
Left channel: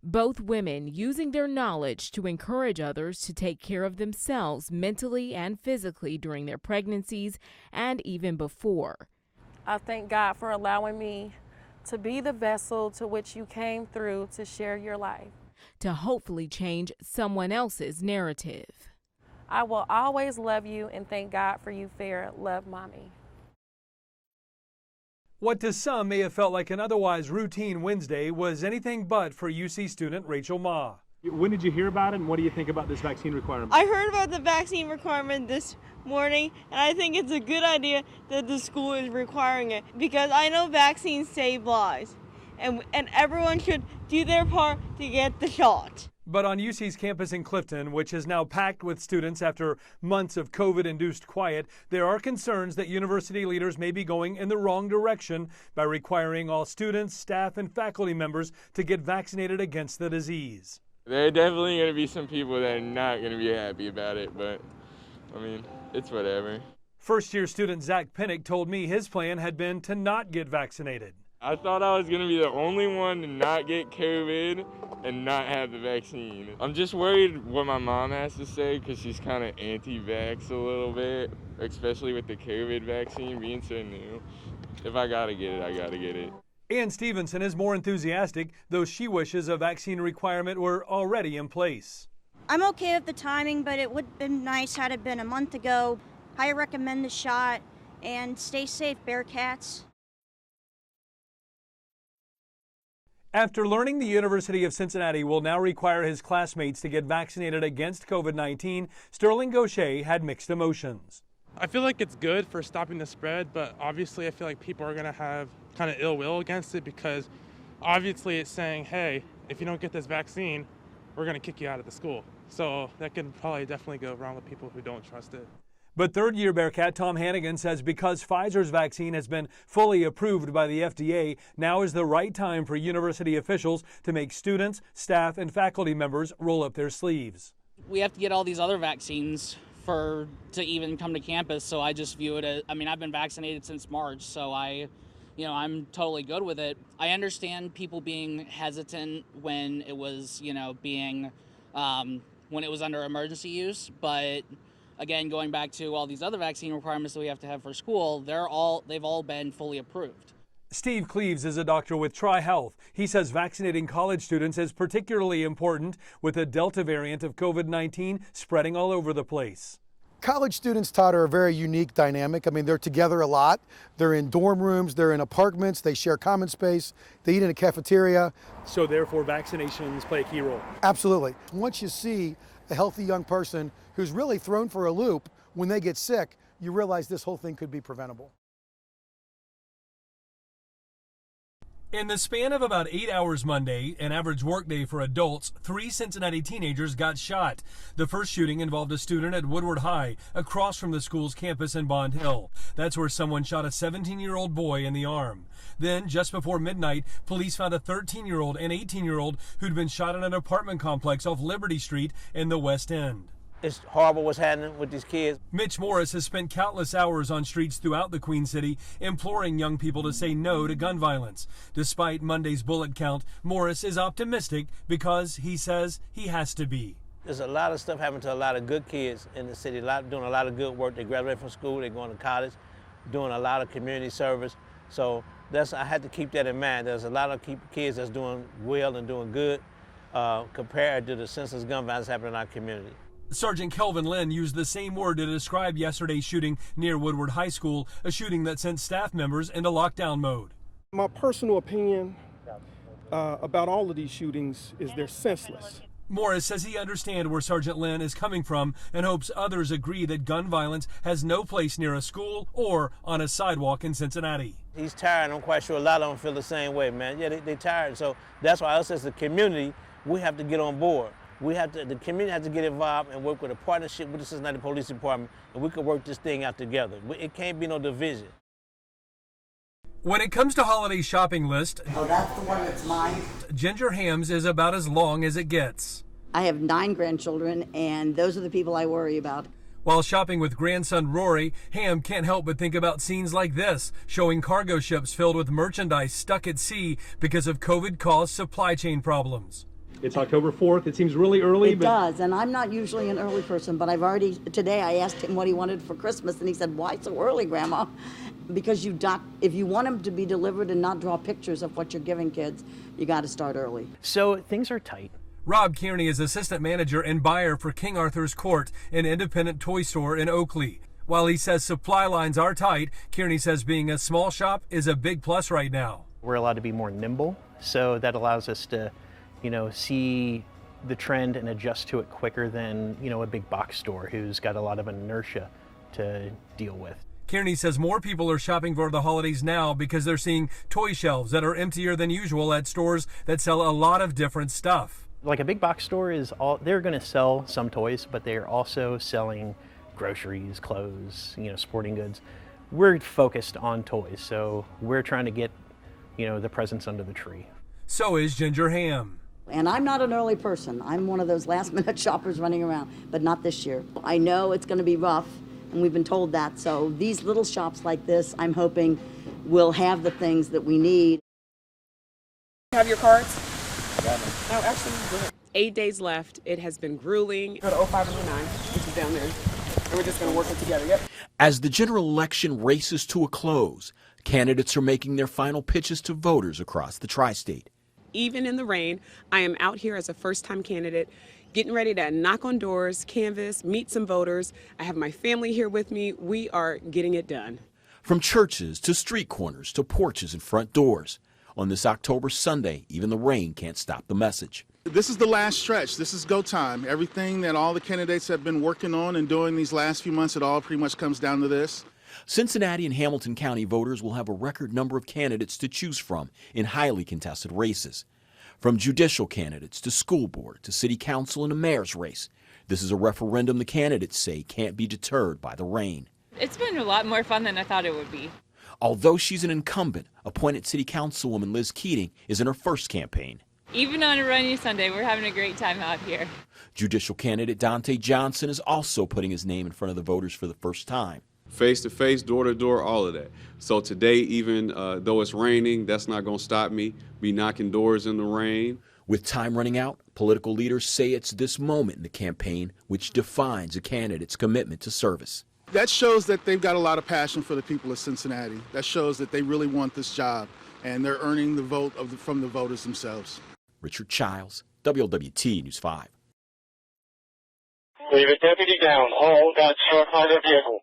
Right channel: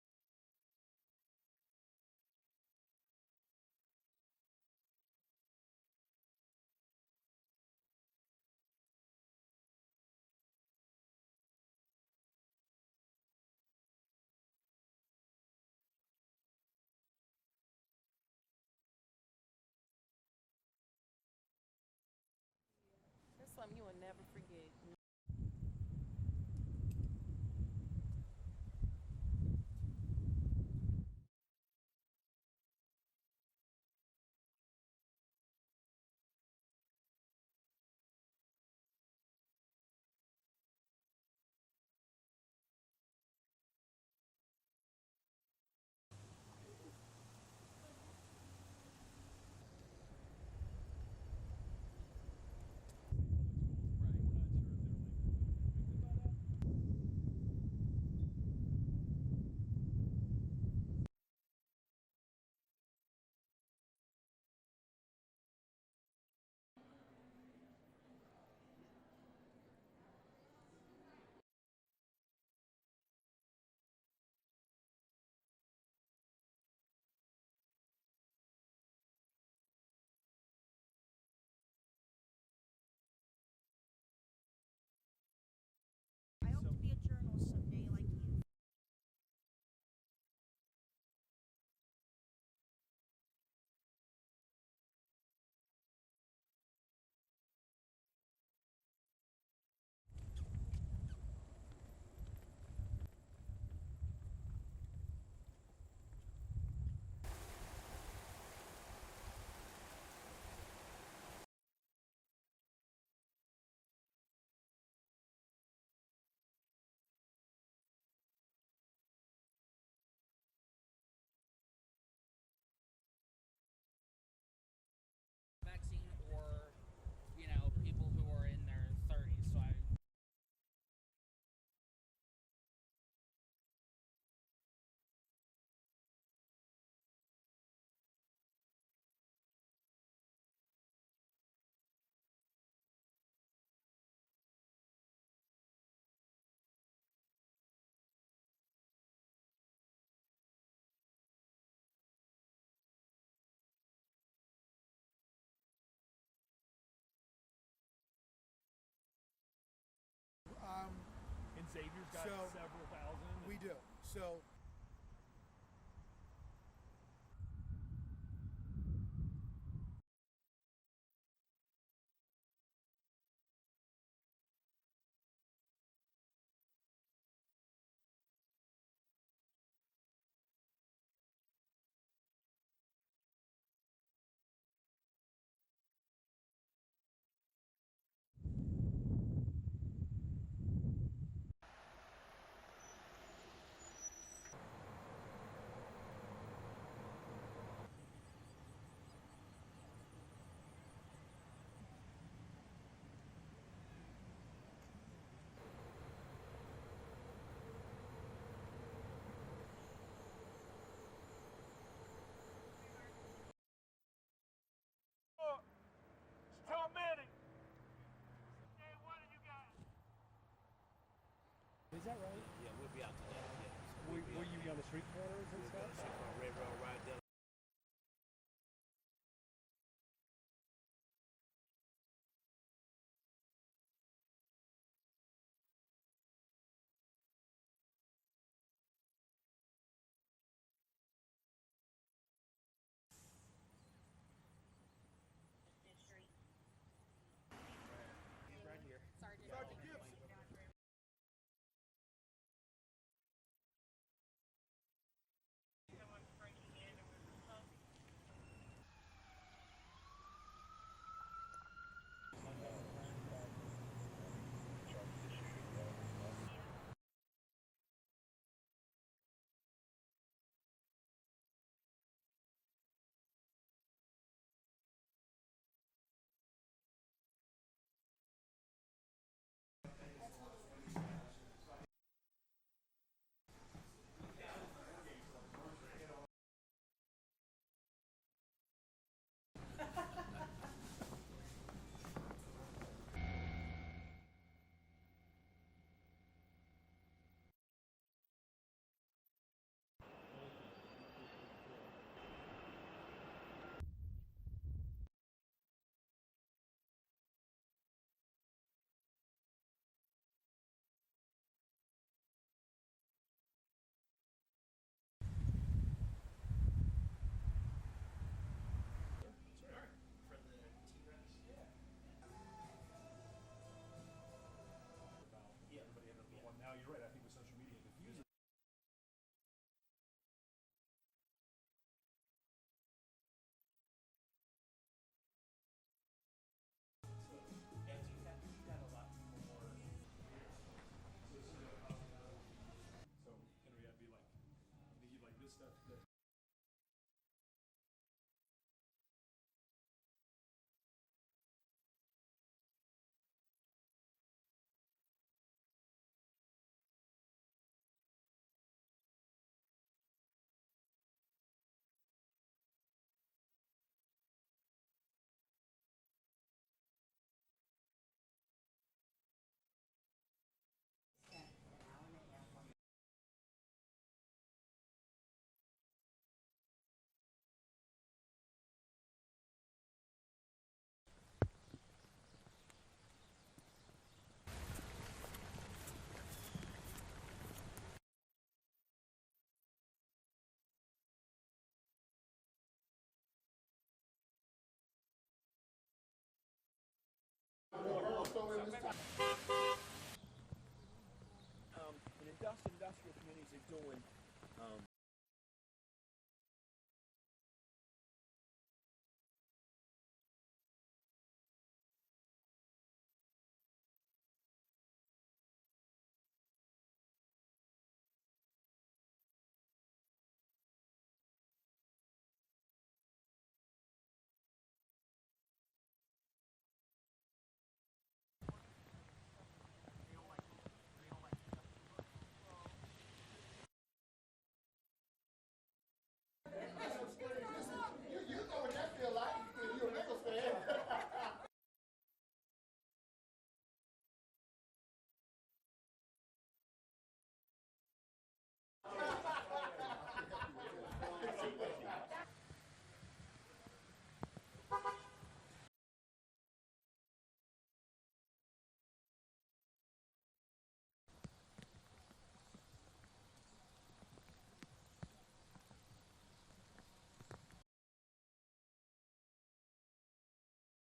Both women using their knowledge to encourage others to take care of themselves mentally and physically during their pregnancies and even before. I thank God for allowing me to be the vessel to which you came through to share your life. To hopefully change someone else's narrative. I will always love you and thank God for you, Farah. Love, Mommy. What to some may have felt like an otherwise routine Wednesday was anything but for UC student Rachel Ma. When did you hear about it, and what do you think about this vaccine requirement? I heard about the vaccine requirement this morning, and I think it's a good idea that the school is requiring it because I know vaccines save lives, and everyone should do their part to get the shot. But on UC's campus in Clifton, which is now packed with students after months of COVID-induced quiet, there are concerns that university leaders may be going in the wrong direction by requiring all students, staff, and faculty members to get vaccinated against the disease. There are definitely going to be some people that are not going to be happy about it, but, I mean, it's whatever. First-year student Zach Pinnock told me his plan had been to not get vaccinated. I thought I was going to be the only one to not get COVID and not have the vaccine. I'm just worried what my mom has to say because she's kind of anti-vax a little bit, especially with the COVID vaccine being so new. If I got to get it, I got to get it. Ann Stevenson is more enthusiastic, though she wishes a vaccine requirement were already in place. I'm okay with the timing, but it would have been nice had it been a month ago. I recommend the shot, and stay safe, Bearcats. After learning the University of Cincinnati will now require his classmates to get vaccinated against COVID-19, Sterling Gaucher had mixed emotions. I feel like it's good for stopping the spread, but obviously I feel like people are going to have kind of ill will against it because obviously it's saying, hey, if you don't get this vaccine, we're going to kick you out of the school. So that can probably definitely go wrong with people who don't trust it. But third-year Bearcat Tom Hannigan says because Pfizer's vaccine has been fully approved by the FDA, now is the right time for university officials to make students, staff, and faculty members roll up their sleeves. We have to get all these other vaccines to even come to campus, so I just view it as, I mean, I've been vaccinated since March, so I'm totally good with it. I understand people being hesitant when it was, when it was under emergency use, but again, going back to all these other vaccine requirements that we have to have for school, they've all been fully approved. Steve Cleaves is a doctor with TriHealth. He says vaccinating college students is particularly important with the Delta variant of COVID-19 spreading all over the place. College students, Todd, are a very unique dynamic. I mean, they're together a lot. They're in dorm rooms, they're in apartments, they share common space, they eat in a cafeteria. So therefore, vaccinations play a key role. Absolutely. Once you see a healthy young person who's really thrown for a loop when they get sick, you realize this whole thing could be preventable. In the span of about 8 hours Monday, an average workday for adults, 3 Cincinnati teenagers got shot. The first shooting involved a student at Wlwt High, across from the school's campus in Bond Hill. That's where someone shot a 17-year-old boy in the arm. Then, just before midnight, police found a 13-year-old and 18-year-old who'd been shot in an apartment complex off Liberty Street in the West End. It's horrible what's happening with these kids. Mitch Morris has spent countless hours on streets throughout the Queen City imploring young people to say no to gun violence. Despite Monday's bullet count, Morris is optimistic because he says he has to be. There's a lot of stuff happening to a lot of good kids in the city, doing a lot of good work. They graduate from school, they're going to college, doing a lot of community service. So I had to keep that in mind. There's a lot of kids that's doing well and doing good compared to the senseless gun violence happening in our community. Sergeant Kelvin Lynn used the same word to describe yesterday's shooting near Wlwt High School, a shooting that sent staff members into lockdown mode. My personal opinion about all of these shootings is they're senseless. Morris says he understands where Sergeant Lynn is coming from and hopes others agree that gun violence has no place near a school or on a sidewalk in Cincinnati. He's tired. I'm quite sure a lot of them feel the same way, man. Yeah, they're tired. So that's why us as a community, we have to get on board. The community has to get involved and work with a partnership with the Cincinnati Police Department, and we can work this thing out together. It can't be no division. When it comes to holiday shopping list, oh, that's the one that's mine. Ginger Ham's is about as long as it gets. I have 9 grandchildren, and those are the people I worry about. While shopping with grandson Rory, Ham can't help but think about scenes like this, showing cargo ships filled with merchandise stuck at sea because of COVID-caused supply chain problems. It's October 4th. It seems really early. It does, and I'm not usually an early person, but today I asked him what he wanted for Christmas, and he said, why so early, Grandma? Because if you want them to be delivered and not draw pictures of what you're giving kids, you got to start early. So things are tight. Rob Kearney is assistant manager and buyer for King Arthur's Court, an independent toy store in Oakley. While he says supply lines are tight, Kearney says being a small shop is a big plus right now. We're allowed to be more nimble, so that allows us to, see the trend and adjust to it quicker than, a big box store who's got a lot of inertia to deal with. Kearney says more people are shopping for the holidays now because they're seeing toy shelves that are emptier than usual at stores that sell a lot of different stuff. Like a big box store they're going to sell some toys, but they're also selling groceries, clothes, sporting goods. We're focused on toys, so we're trying to get, the presents under the tree. So is Ginger Ham. And I'm not an early person. I'm one of those last-minute shoppers running around, but not this year. I know it's going to be rough, and we've been told that. So these little shops like this, I'm hoping, will have the things that we need. Have your cards? No, actually, good. 8 days left. It has been grueling. Go to 05 and 09, which is down there. And we're just going to work it together. Yep. As the general election races to a close, candidates are making their final pitches to voters across the tri-state. Even in the rain, I am out here as a first-time candidate, getting ready to knock on doors, canvass, meet some voters. I have my family here with me. We are getting it done. From churches to street corners to porches and front doors. On this October Sunday, even the rain can't stop the message. This is the last stretch. This is go time. Everything that all the candidates have been working on and doing these last few months, it all pretty much comes down to this. Cincinnati and Hamilton County voters will have a record number of candidates to choose from in highly contested races. From judicial candidates to school board to city council and a mayor's race, this is a referendum the candidates say can't be deterred by the rain. It's been a lot more fun than I thought it would be. Although she's an incumbent, appointed city councilwoman Liz Keating is in her first campaign. Even on a rainy Sunday, we're having a great time out here. Judicial candidate Dante Johnson is also putting his name in front of the voters for the first time. Face-to-face, door-to-door, all of that. So today, even though it's raining, that's not going to stop me. Be knocking doors in the rain. With time running out, political leaders say it's this moment in the campaign which defines a candidate's commitment to service. That shows that they've got a lot of passion for the people of Cincinnati. That shows that they really want this job, and they're earning the vote from the voters themselves. Richard Childs, WLWT News 5. We have a deputy down. All got struck by their vehicle.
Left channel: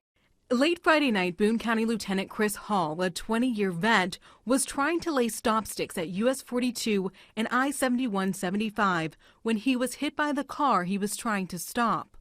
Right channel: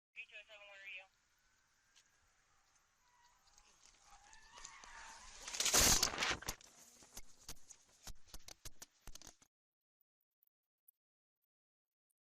Late Friday night, Boone County Lieutenant Chris Hall, a 20-year vet, was trying to lay stop sticks at US 42 and I-71-75 when he was hit by the car he was trying to stop.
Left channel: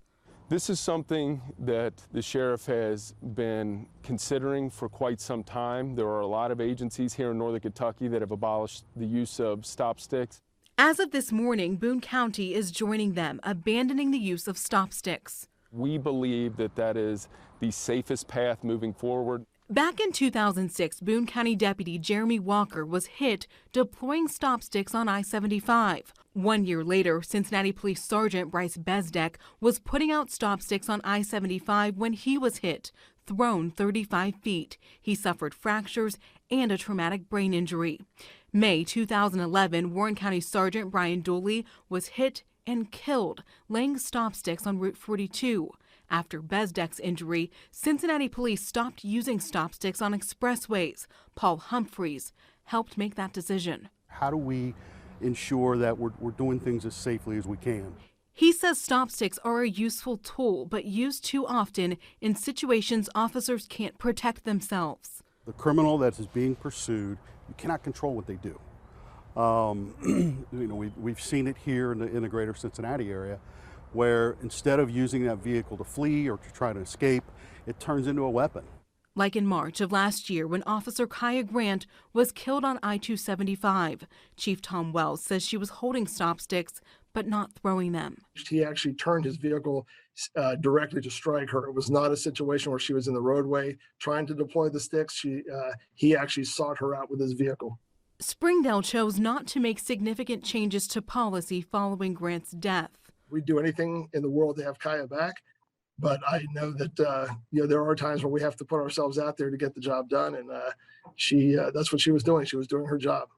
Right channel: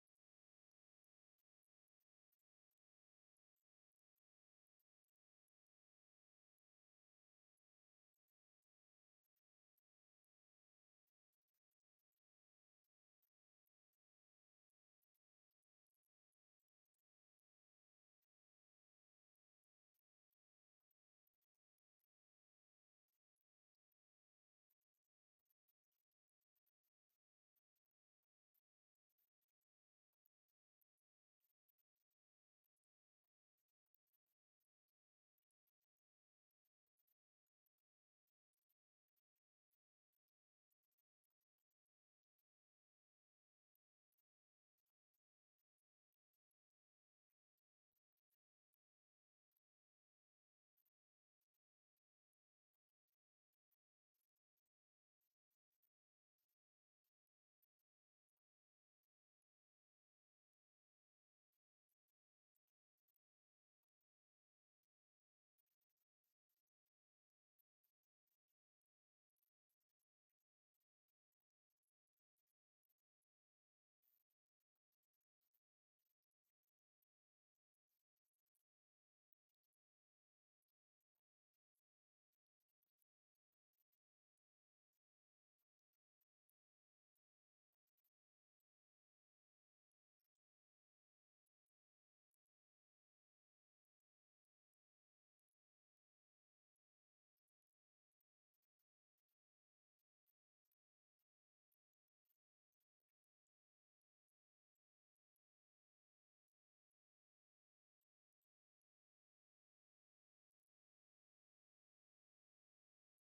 This is something that the sheriff has been considering for quite some time. There are a lot of agencies here in northern Kentucky that have abolished the use of stop sticks. As of this morning, Boone County is joining them, abandoning the use of stop sticks. We believe that that is the safest path moving forward. Back in 2006, Boone County Deputy Jeremy Walker was hit deploying stop sticks on I-75. 1 year later, Cincinnati Police Sergeant Bryce Bezdek was putting out stop sticks on I-75 when he was hit, thrown 35 feet. He suffered fractures and a traumatic brain injury. May 2011, Warren County Sergeant Brian Dooley was hit and killed laying stop sticks on Route 42. After Bezdek's injury, Cincinnati police stopped using stop sticks on expressways. Paul Humphreys helped make that decision. How do we ensure that we're doing things as safely as we can? He says stop sticks are a useful tool, but used too often in situations officers can't protect themselves. The criminal that is being pursued, you cannot control what they do. We've seen it here in the greater Cincinnati area, where instead of using that vehicle to flee or to try to escape, it turns into a weapon. Like in March of last year when Officer Kaya Grant was killed on I-275. Chief Tom Wells says she was holding stop sticks but not throwing them. He actually turned his vehicle directly to strike her. It was not a situation where she was in the roadway trying to deploy the sticks. He actually sought her out with his vehicle. Springdale chose not to make significant changes to policy following Grant's death. We'd do anything in the world to have Kaya back, but I know that there are times where we have to put ourselves out there to get the job done, and that's what she was doing. She was doing her job.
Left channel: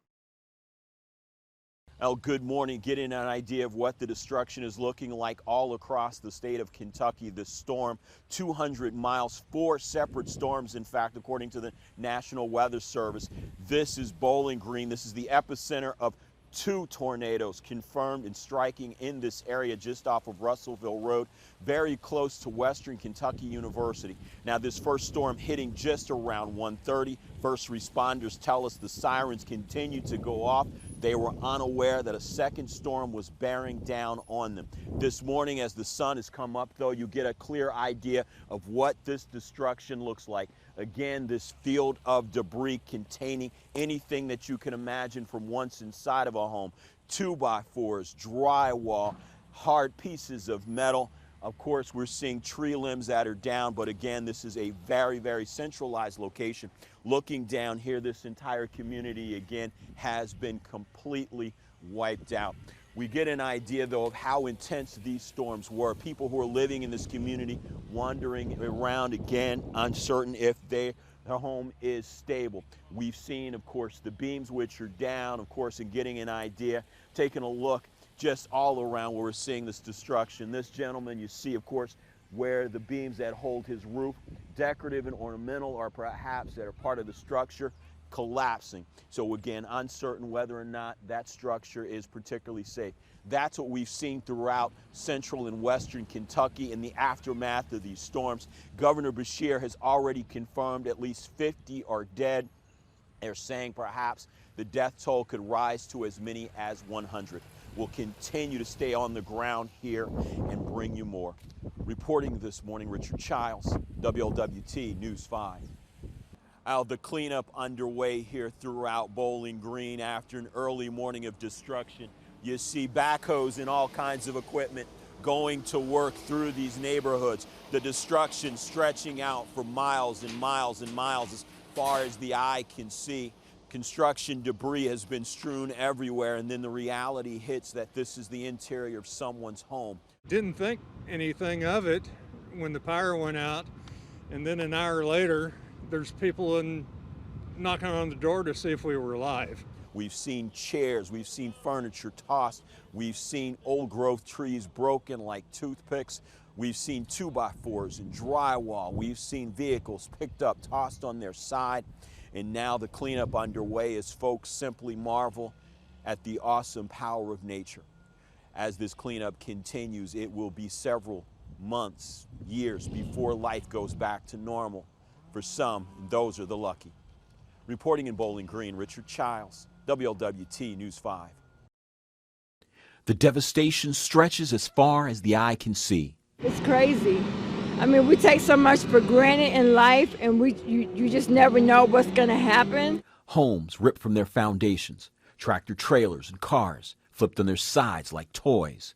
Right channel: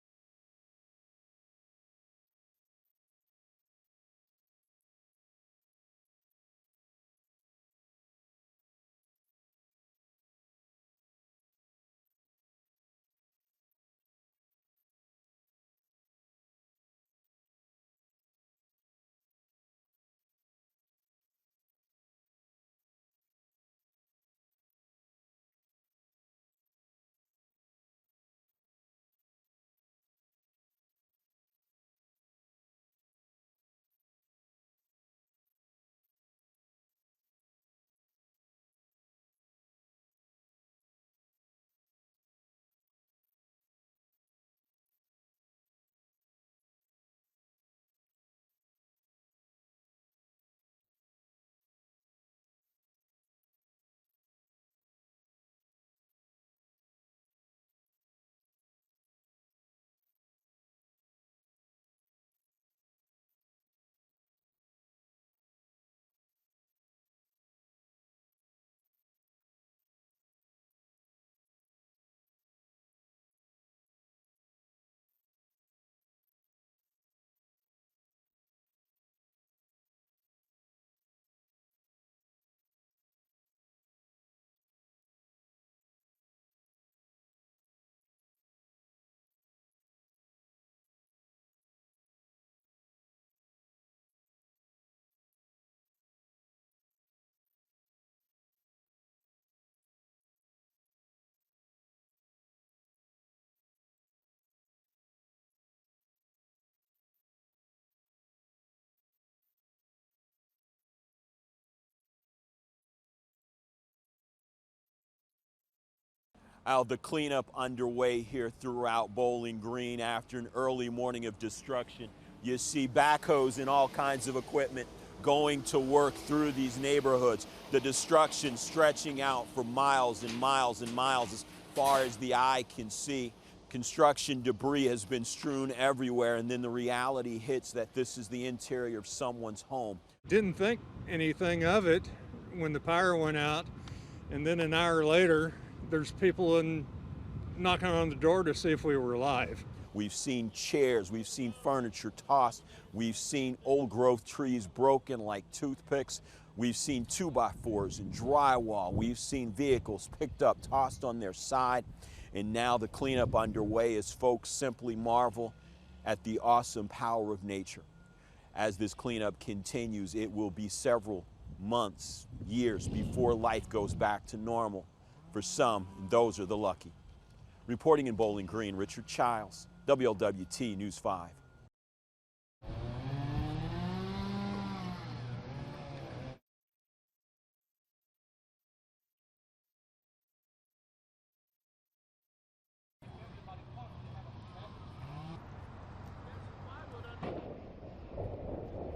Well, good morning. Getting an idea of what the destruction is looking like all across the state of Kentucky. This storm, 200 miles, 4 separate storms, in fact, according to the National Weather Service. This is Bowling Green. This is the epicenter of 2 tornadoes confirmed and striking in this area just off of Russellville Road, very close to Western Kentucky University. Now, this first storm hitting just around 1:30. First responders tell us the sirens continued to go off. They were unaware that a second storm was bearing down on them. This morning, as the sun has come up, though, you get a clear idea of what this destruction looks like. Again, this field of debris containing anything that you can imagine from once inside of a home. 2x4s, drywall, hard pieces of metal. Of course, we're seeing tree limbs that are down, but again, this is a very, very centralized location. Looking down here, this entire community, again, has been completely wiped out. We get an idea, though, of how intense these storms were. People who are living in this community wandering around, again, uncertain if their home is stable. We've seen, of course, the beams which are down, of course, and getting an idea, taking a look just all around where we're seeing this destruction. This gentleman, you see, of course, where the beams that hold his roof, decorative and ornamental, or perhaps that are part of the structure, collapsing. So again, uncertain whether or not that structure is particularly safe. That's what we've seen throughout central and western Kentucky in the aftermath of these storms. Governor Beshear has already confirmed at least 50 are dead. They're saying perhaps the death toll could rise to as many as 100. We'll continue to stay on the ground here and bring you more. Reporting this morning, Richard Childs, WLWT News 5. The cleanup underway here throughout Bowling Green after an early morning of destruction. You see backhoes and all kinds of equipment going to work through these neighborhoods. The destruction stretching out for miles and miles and miles as far as the eye can see. Construction debris has been strewn everywhere, and then the reality hits that this is the interior of someone's home. Didn't think anything of it when the power went out, and then an hour later, there's people knocking on the door to see if we were alive. We've seen chairs, we've seen furniture tossed, we've seen old growth trees broken like toothpicks, we've seen 2x4s and drywall, we've seen vehicles picked up, tossed on their side, and now the cleanup underway as folks simply marvel at the awesome power of nature. As this cleanup continues, it will be several months, years before life goes back to normal. For some, those are the lucky. Reporting in Bowling Green, Richard Childs, WLWT News 5. The devastation stretches as far as the eye can see. It's crazy. I mean, we take so much for granted in life, and you just never know what's going to happen. Homes ripped from their foundations, tractor trailers and cars flipped on their sides like toys.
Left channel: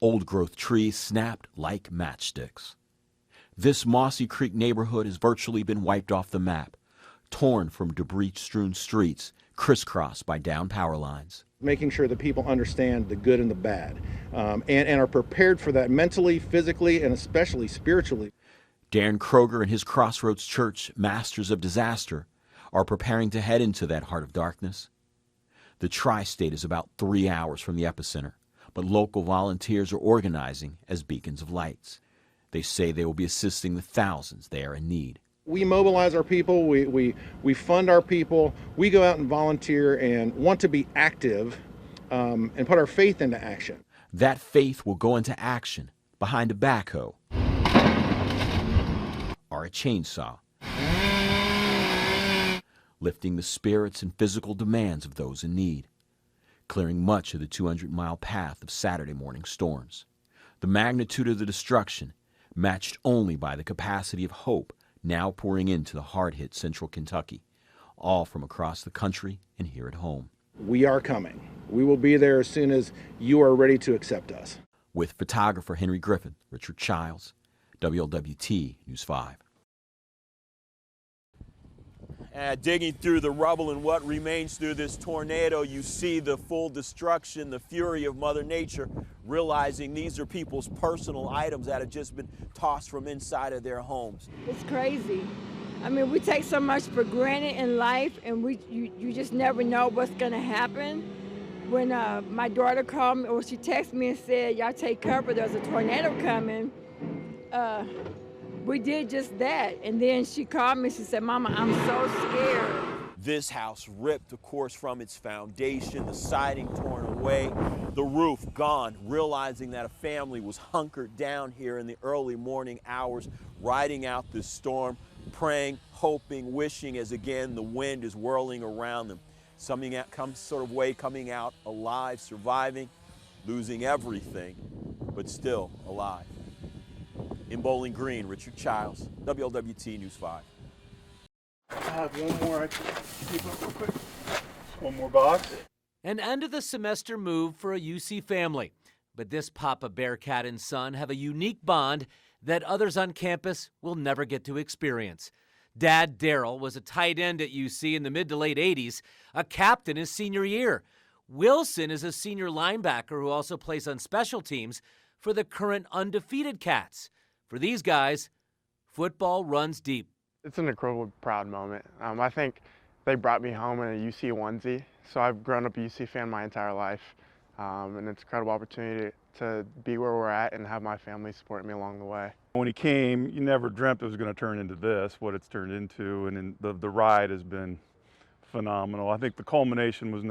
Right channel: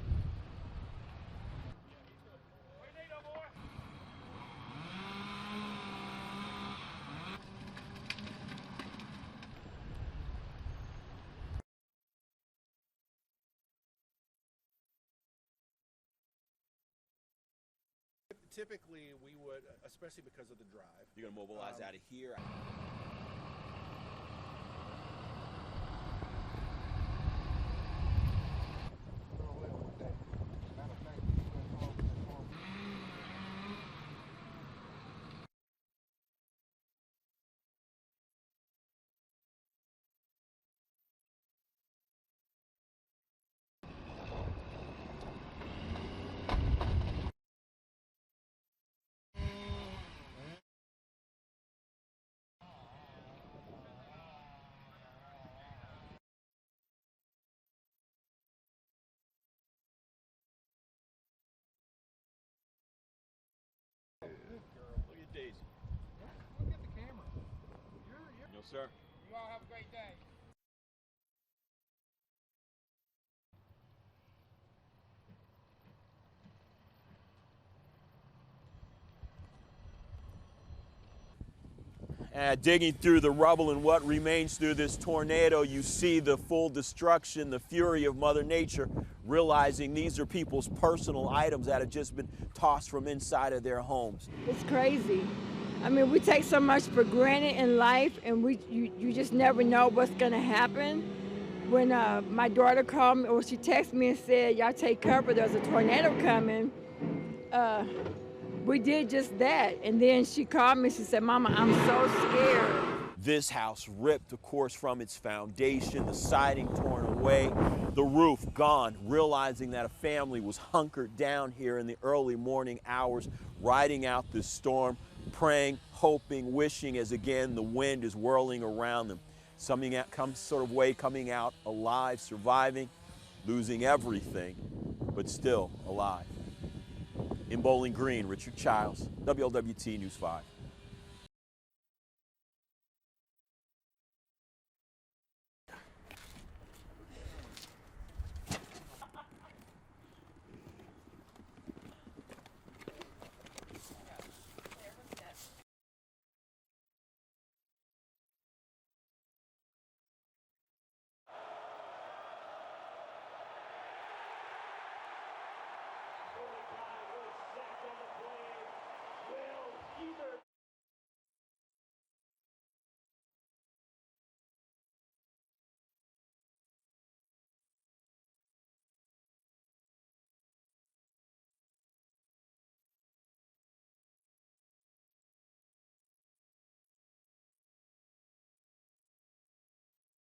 Old growth trees snapped like matchsticks. This Mossy Creek neighborhood has virtually been wiped off the map, torn from debris-strewn streets, crisscrossed by downed power lines. Making sure that people understand the good and the bad, and are prepared for that mentally, physically, and especially spiritually. Darren Kroger and his Crossroads Church, Masters of Disaster, are preparing to head into that heart of darkness. The tri-state is about 3 hours from the epicenter, but local volunteers are organizing as beacons of lights. They say they will be assisting the thousands they are in need. We mobilize our people, we fund our people, we go out and volunteer and want to be active and put our faith into action. That faith will go into action behind a backhoe or a chainsaw, lifting the spirits and physical demands of those in need, clearing much of the 200-mile path of Saturday morning storms. The magnitude of the destruction matched only by the capacity of hope now pouring into the hard-hit central Kentucky, all from across the country and here at home. We are coming. We will be there as soon as you are ready to accept us. With photographer Henry Griffith, Richard Childs, WLWT News 5. Digging through the rubble and what remains through this tornado, you see the full destruction, the fury of Mother Nature, realizing these are people's personal items that have just been tossed from inside of their homes. It's crazy. I mean, we take so much for granted in life, and you just never know what's going to happen. When my daughter called me, or she texted me and said, y'all take cover, there's a tornado coming, we did just that. And then she called me, she said, Mama, I'm so scared. This house ripped, of course, from its foundation, the siding torn away, the roof gone, realizing that a family was hunkered down here in the early morning hours, riding out this storm, praying, hoping, wishing, as again the wind is whirling around them. Coming out alive, surviving, losing everything, but still alive. In Bowling Green, Richard Childs, WLWT News 5. I have one more I can keep up real quick. One more box. An end of the semester move for a UC family. But this Papa Bearcat and son have a unique bond that others on campus will never get to experience. Dad, Daryl, was a tight end at UC in the mid to late 80s, a captain his senior year. Wilson is a senior linebacker who also plays on special teams for the current undefeated Cats. For these guys, football runs deep. It's an incredibly proud moment. I think they brought me home in a UC onesie, so I've grown up a UC fan my entire life, and it's an incredible opportunity to be where we're at and have my family supporting me along the way. When he came, you never dreamt it was going to turn into this, what it's turned into, and the ride has been phenomenal. I think the culmination was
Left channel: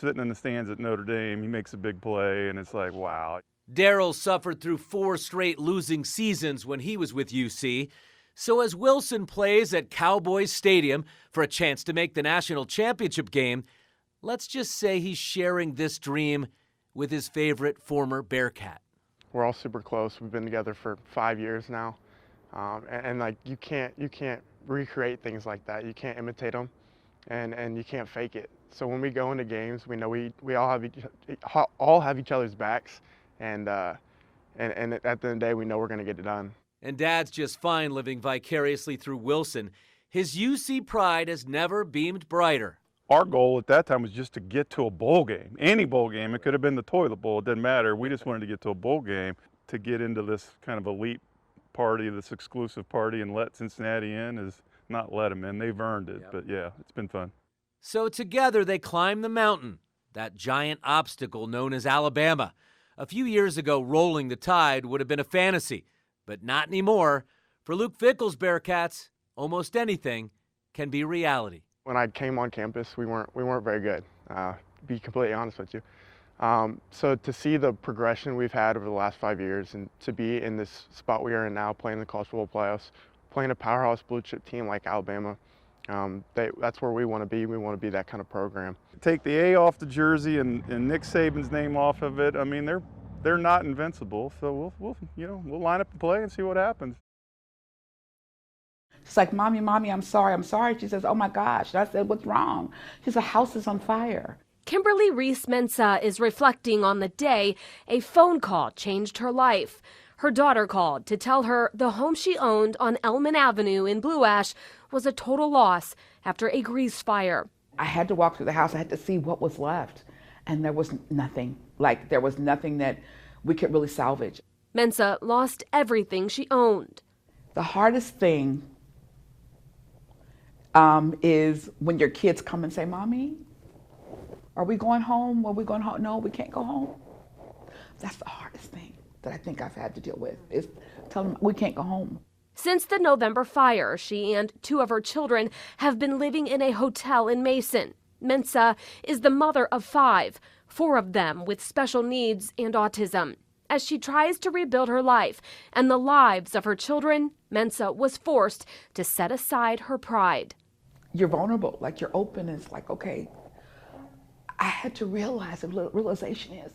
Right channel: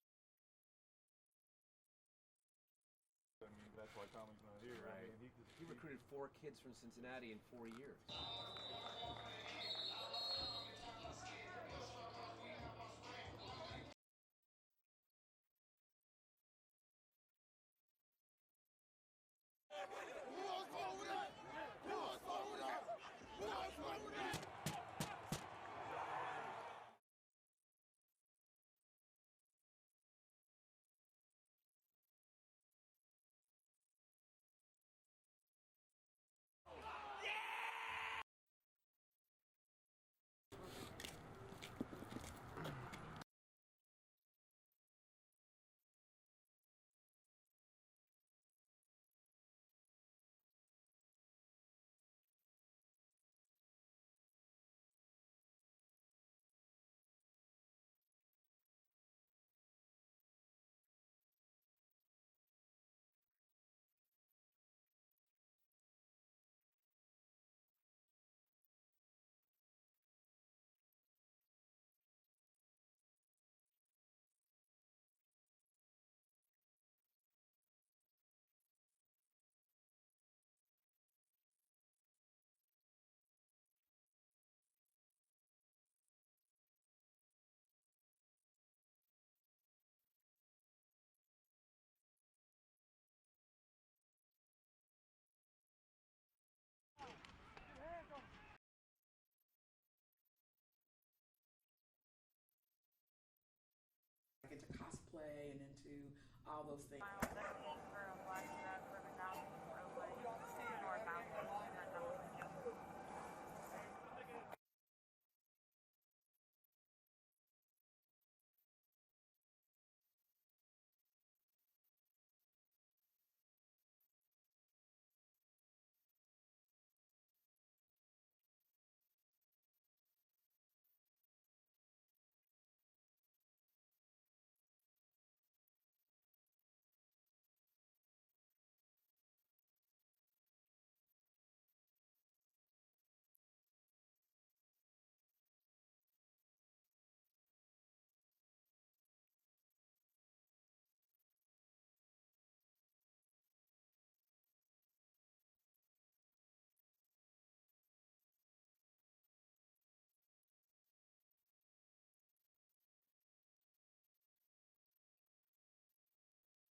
sitting in the stands at Notre Dame, he makes a big play, and it's like, wow. Daryl suffered through 4 straight losing seasons when he was with UC. So as Wilson plays at Cowboys Stadium for a chance to make the national championship game, let's just say he's sharing this dream with his favorite former Bearcat. We're all super close. We've been together for 5 years now, and like you can't recreate things like that. You can't imitate them, and you can't fake it. So when we go into games, we know we all have each other's backs, and at the end of the day, we know we're going to get it done. And Dad's just fine living vicariously through Wilson. His UC pride has never beamed brighter. Our goal at that time was just to get to a bowl game, any bowl game. It could have been the toilet bowl, it didn't matter. We just wanted to get to a bowl game to get into this kind of elite party, this exclusive party, and let Cincinnati in is not let them in. They've earned it, but yeah, it's been fun. So together they climb the mountain, that giant obstacle known as Alabama. A few years ago, rolling the Tide would have been a fantasy, but not anymore. For Luke Fickell's Bearcats, almost anything can be reality. When I came on campus, we weren't very good, to be completely honest with you. So to see the progression we've had over the last 5 years and to be in this spot we are in now, playing the college football playoffs, playing a powerhouse blue chip team like Alabama, that's where we want to be. We want to be that kind of program. Take the A off the jersey and Nick Saban's name off of it. I mean, they're not invincible. So we'll line up and play and see what happens. She's like, Mommy, I'm sorry. She says, oh my gosh. And I said, what's wrong? She said, the house is on fire. Kimberly Reese-Mensah is reflecting on the day a phone call changed her life. Her daughter called to tell her the home she owned on Elman Avenue in Blue Ash was a total loss after a grease fire. I had to walk through the house. I had to see what was left. And there was nothing. There was nothing that we could really salvage. Mensah lost everything she owned. The hardest thing is when your kids come and say, Mommy, are we going home? Are we going home? No, we can't go home. That's the hardest thing. that I think I've had to deal with, is telling them we can't go home. Since the November fire, she and 2 of her children have been living in a hotel in Mason. Mensa is the mother of 5, 4 of them with special needs and autism. As she tries to rebuild her life and the lives of her children, Mensa was forced to set aside her pride. You're vulnerable, like you're open. It's like, okay, I had to realize, the realization is,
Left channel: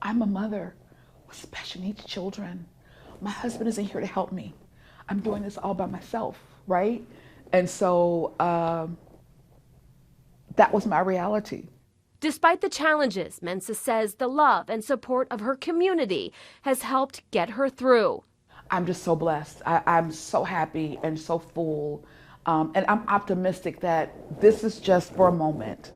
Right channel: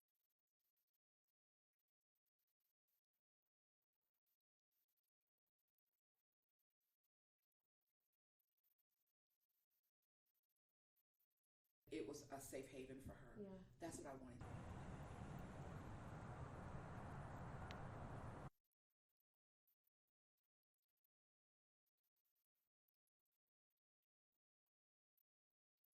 I'm a mother with special needs children. My husband isn't here to help me. I'm doing this all by myself, right? And so that was my reality. Despite the challenges, Mensa says the love and support of her community has helped get her through. I'm just so blessed. I'm so happy and so full. And I'm optimistic that this is just for a moment.